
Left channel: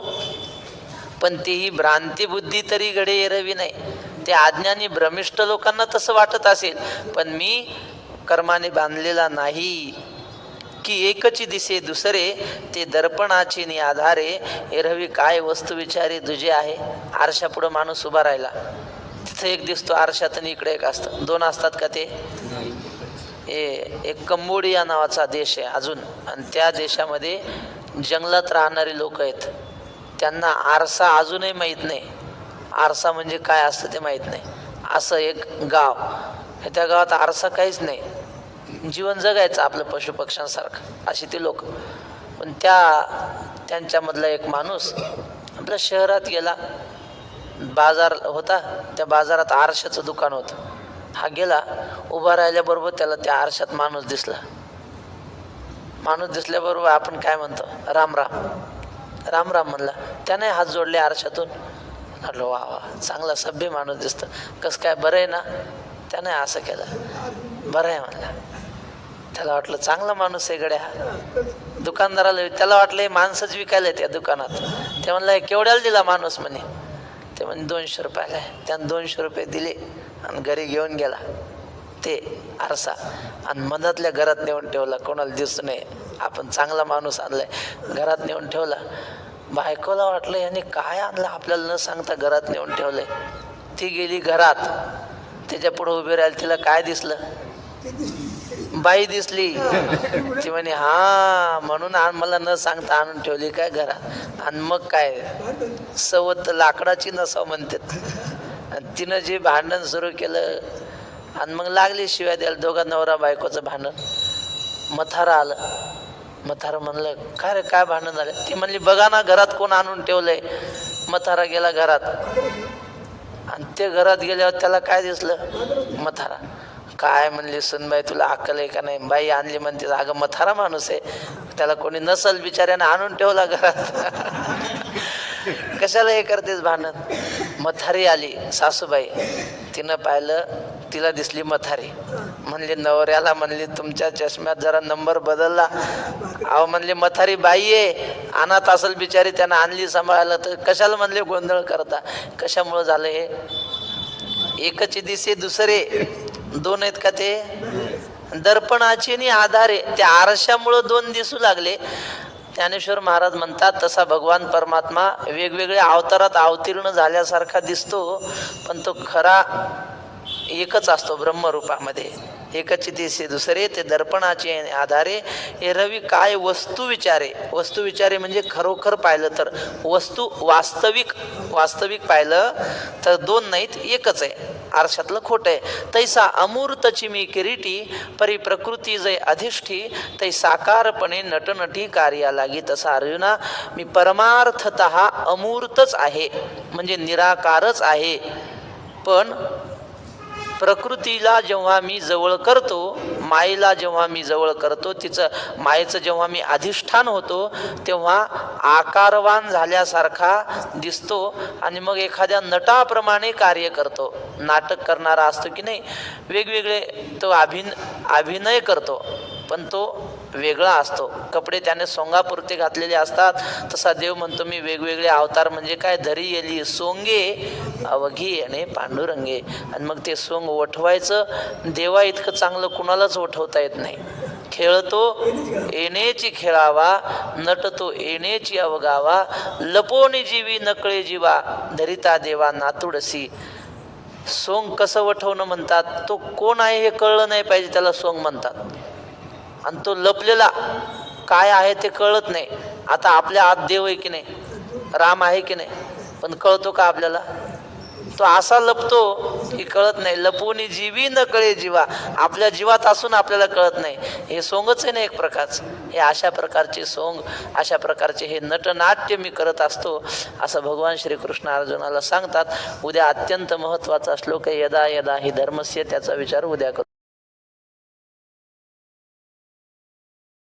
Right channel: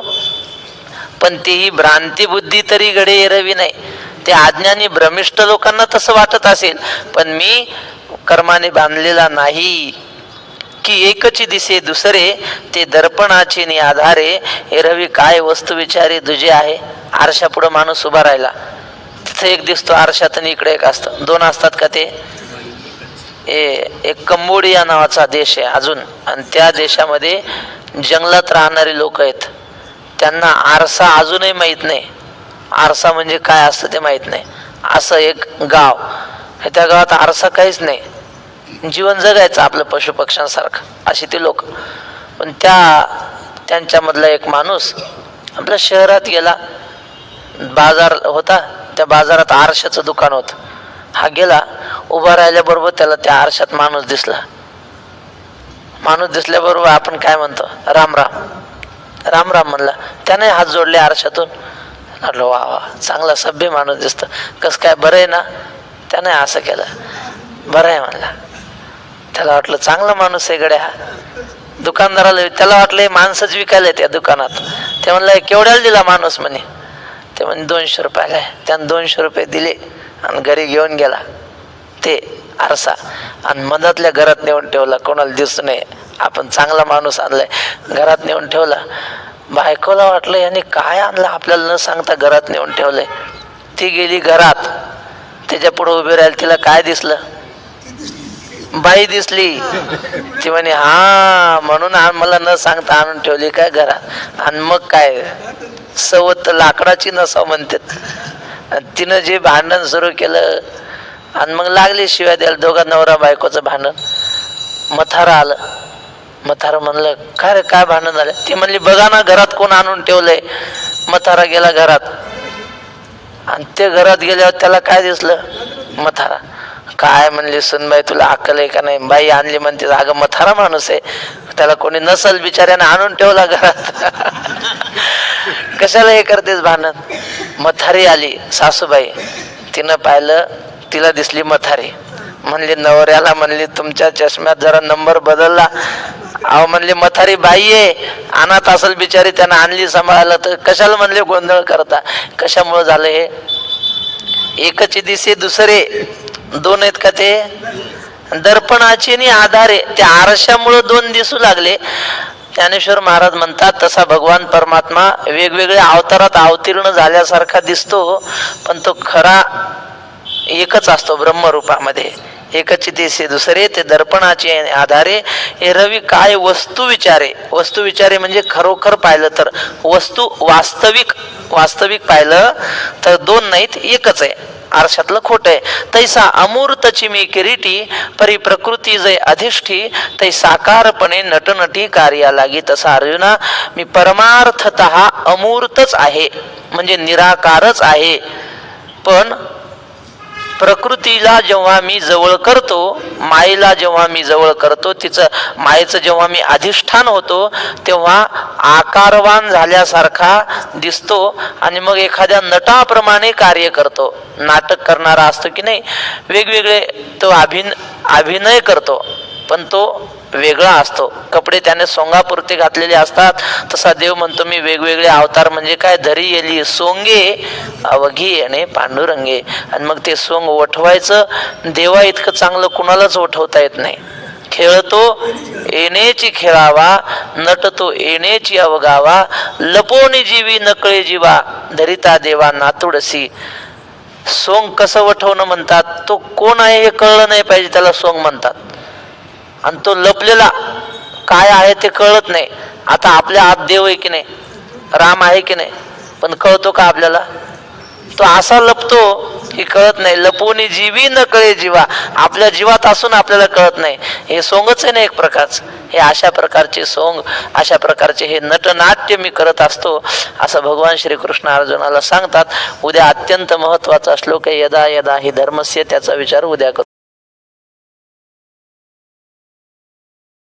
पण तेही भ्रांती बुद्धी तरी घडे एरवी नाही. ते अज्ञानी भ्रमिष्ठ लोकांना तसं वाटत असेल, पण मी कर्माने बांधलेला नाही. की एकची दिसे दुसरे, ते दर्पणाचे नि आधारे, एरवी काय वस्तू विचारे तुझे आहे. आरशा पुढे माणूस उभा राहिला, तिथे एक दिसतो आरशात आणि इकडे एक असतं. दोन असतात का ते? एक कंबोडिया नावाचा देश आहे अजून, आणि त्या देशामध्ये जंगलात राहणारे लोक आहेत, त्यांना आरसा अजूनही माहीत नाही. आरसा म्हणजे काय असतं ते माहीत नाही. असं एक गाव, त्या गावात आरसा काहीच नाही, जीवन जगायचं आपलं पशुपक्ष्यांसारखं, अशी ती लोक. पण त्यांच्यामधला एक माणूस आपल्या शहरात गेला, बाजार होता, त्या बाजारात आरशाचं दुकान होतं. हा गेला, उभा राहिल्याबरोबर त्याला त्या आरशात माणूस दिसला. माणूस दिसल्याबरोबर आपण काय म्हणतो, राम राम, राम राम म्हणला. त्याने हात जोडले आरशातून. म्हटलं वा वा, चांगला सभ्य माणूस दिसतो. कसं काय, बरं आहे ना? त्याने असं केलं, बरं आहे म्हणला. त्याला वाटलं चांगला माणूस आहे गड्या. दुकानदाराला त्याला वाटलं हे माणसंच विकायला त्या दुकानात. ते म्हणलं केवढ्याला दिला माणूस म्हणे? ते म्हणे 200 रुपयाला आहे. त्यानं 200 रुपये दिले आणि घरी घेऊन गेला ते आरसा, आणि मधातल्या घरात नेऊन ठेवला, कोणाला दिसू नये. आपण चांगला माणूस आणलाय, घरात नेऊन ठेवला. बायकोला वाटलं याने काय आणलं आपल्याला न सांगता घरात नेऊन ठेवलंय. ती गेली घरात, त्याच्या पुढे उभी राहिली. तिला काय दिसलं? बाई दिसली. ती म्हणे हा, म्हणून मला न सांगता आणून ठेवली काय घरात. आणि मग काय, सवत लाकडाची नसाव म्हणतात. तिनं जे भांडण सुरू केलं आणि मग लागले शिवाय द्यायला. दोघा नवरा बायकोचं भांडण. मथारा आलं. मथारा म्हणलं काय रे, काय भांडण झालं? ती म्हणली बघा ना घरात कोण आणून ठेवलंय. मथारा गेला घरात, आणि ते घरात गेल्यावर त्याला काय दिसलं? मथारा. काय म्हणली सुनबाई, तुला अक्कल आहे का नाही? बाई आणली म्हणते, अगं मथारा माणूस आहे, त्याला कोणी नसल बिचाऱ्याने आणून ठेवला घरात. कशाला हे करतेस भांडण? मथारी आली सासूबाई. तिनं पाहिलं, तिला दिसली मथारी. म्हणली नवऱ्याला, म्हणली तुमच्या चष्म्यात जरा नंबर बदलला. अहो म्हणली मथारी बाई आहे, अनाथ असल बिचारी, त्यानं आणली सांभाळायला, तर कशाला म्हणले गोंधळ करता? कशामुळे झालं हे? एकच दिसे दुसरे दोन आहेत का ते? दर्पणाचे आणि आधारे, त्या आरशामुळे दोन दिसू लागले. ज्ञानेश्वर महाराज म्हणतात तसा भगवान परमात्मा वेगवेगळ्या अवतारात अवतीर्ण झाल्यासारखा दिसतो, पण तो खरा एकच असतो ब्रह्मरूपामध्ये. एकच दिसे दुसरे, ते दर्पणाचे आधारे. हे रवी काय वस्तू विचारे. वस्तू विचारे म्हणजे खरोखर पाहिलं तर वस्तू, वास्तविक पाहिलं तर दोन नाहीत, एकच आहे. आरशातलं खोट आहे. तैसा अमूर्तची मी किरीटी, परी प्रकृती जय अधिष्ठी, तै साकारपणे नटनटी कार्या लागी. तसा अर्जुना, मी परमार्थतः अमूर्तच आहे, म्हणजे निराकारच आहे. पण प्रकृतीला जेव्हा मी जवळ करतो, मायेला जेव्हा मी जवळ करतो, तिचं मायेचं जेव्हा मी अधिष्ठान होतो, तेव्हा आकारवान झाल्यासारखा दिसतो. आणि मग एखाद्या नटाप्रमाणे कार्य करतो. नाटक करणारा असतो की नाही, वेगवेगळे तो अभिनय करतो, पण तो वेगळा असतो. कपडे त्याने सोंगापुरते घातलेले असतात. तसा देव म्हणतो मी वेगवेगळे अवतार, म्हणजे काय, धरी येली सोंगे अवघी येणे पांडुरंगे. आणि मग ते सोंग ओठवायचं. देवा इतकं चांगलं कुणालाच ओठवता येत नाही. खेळतो येणेची खेळावा, नटतो येणेची अवगावा, लपोनी जीवी नकळे जीवा, धरिता देवा नातुडसी. सोंग कसं वठवणं म्हणतात, तो कोण आहे हे कळलं नाही पाहिजे, त्याला सोंग म्हणतात. आणि तो लपलेला काय आहे ते कळत नाही. आता आपल्या आत देव आहे की नाही, राम आहे की नाही, पण कळतो का आपल्याला? तो असा लपतो की कळत नाही. लपवणी जीवी न कळे जीवा, आपल्या जीवात असून आपल्याला कळत नाही. हे सोंगच आहे ना एक प्रकारचं. हे अशा प्रकारचे सोंग, अशा प्रकारचे हे नटनाट्य मी करत असतो, असं भगवान श्रीकृष्ण अर्जुनाला सांगतात. उद्या अत्यंत महत्वाचा श्लोक आहे, यदा यदा हि धर्मस्य, त्याचा विचार उद्या करू.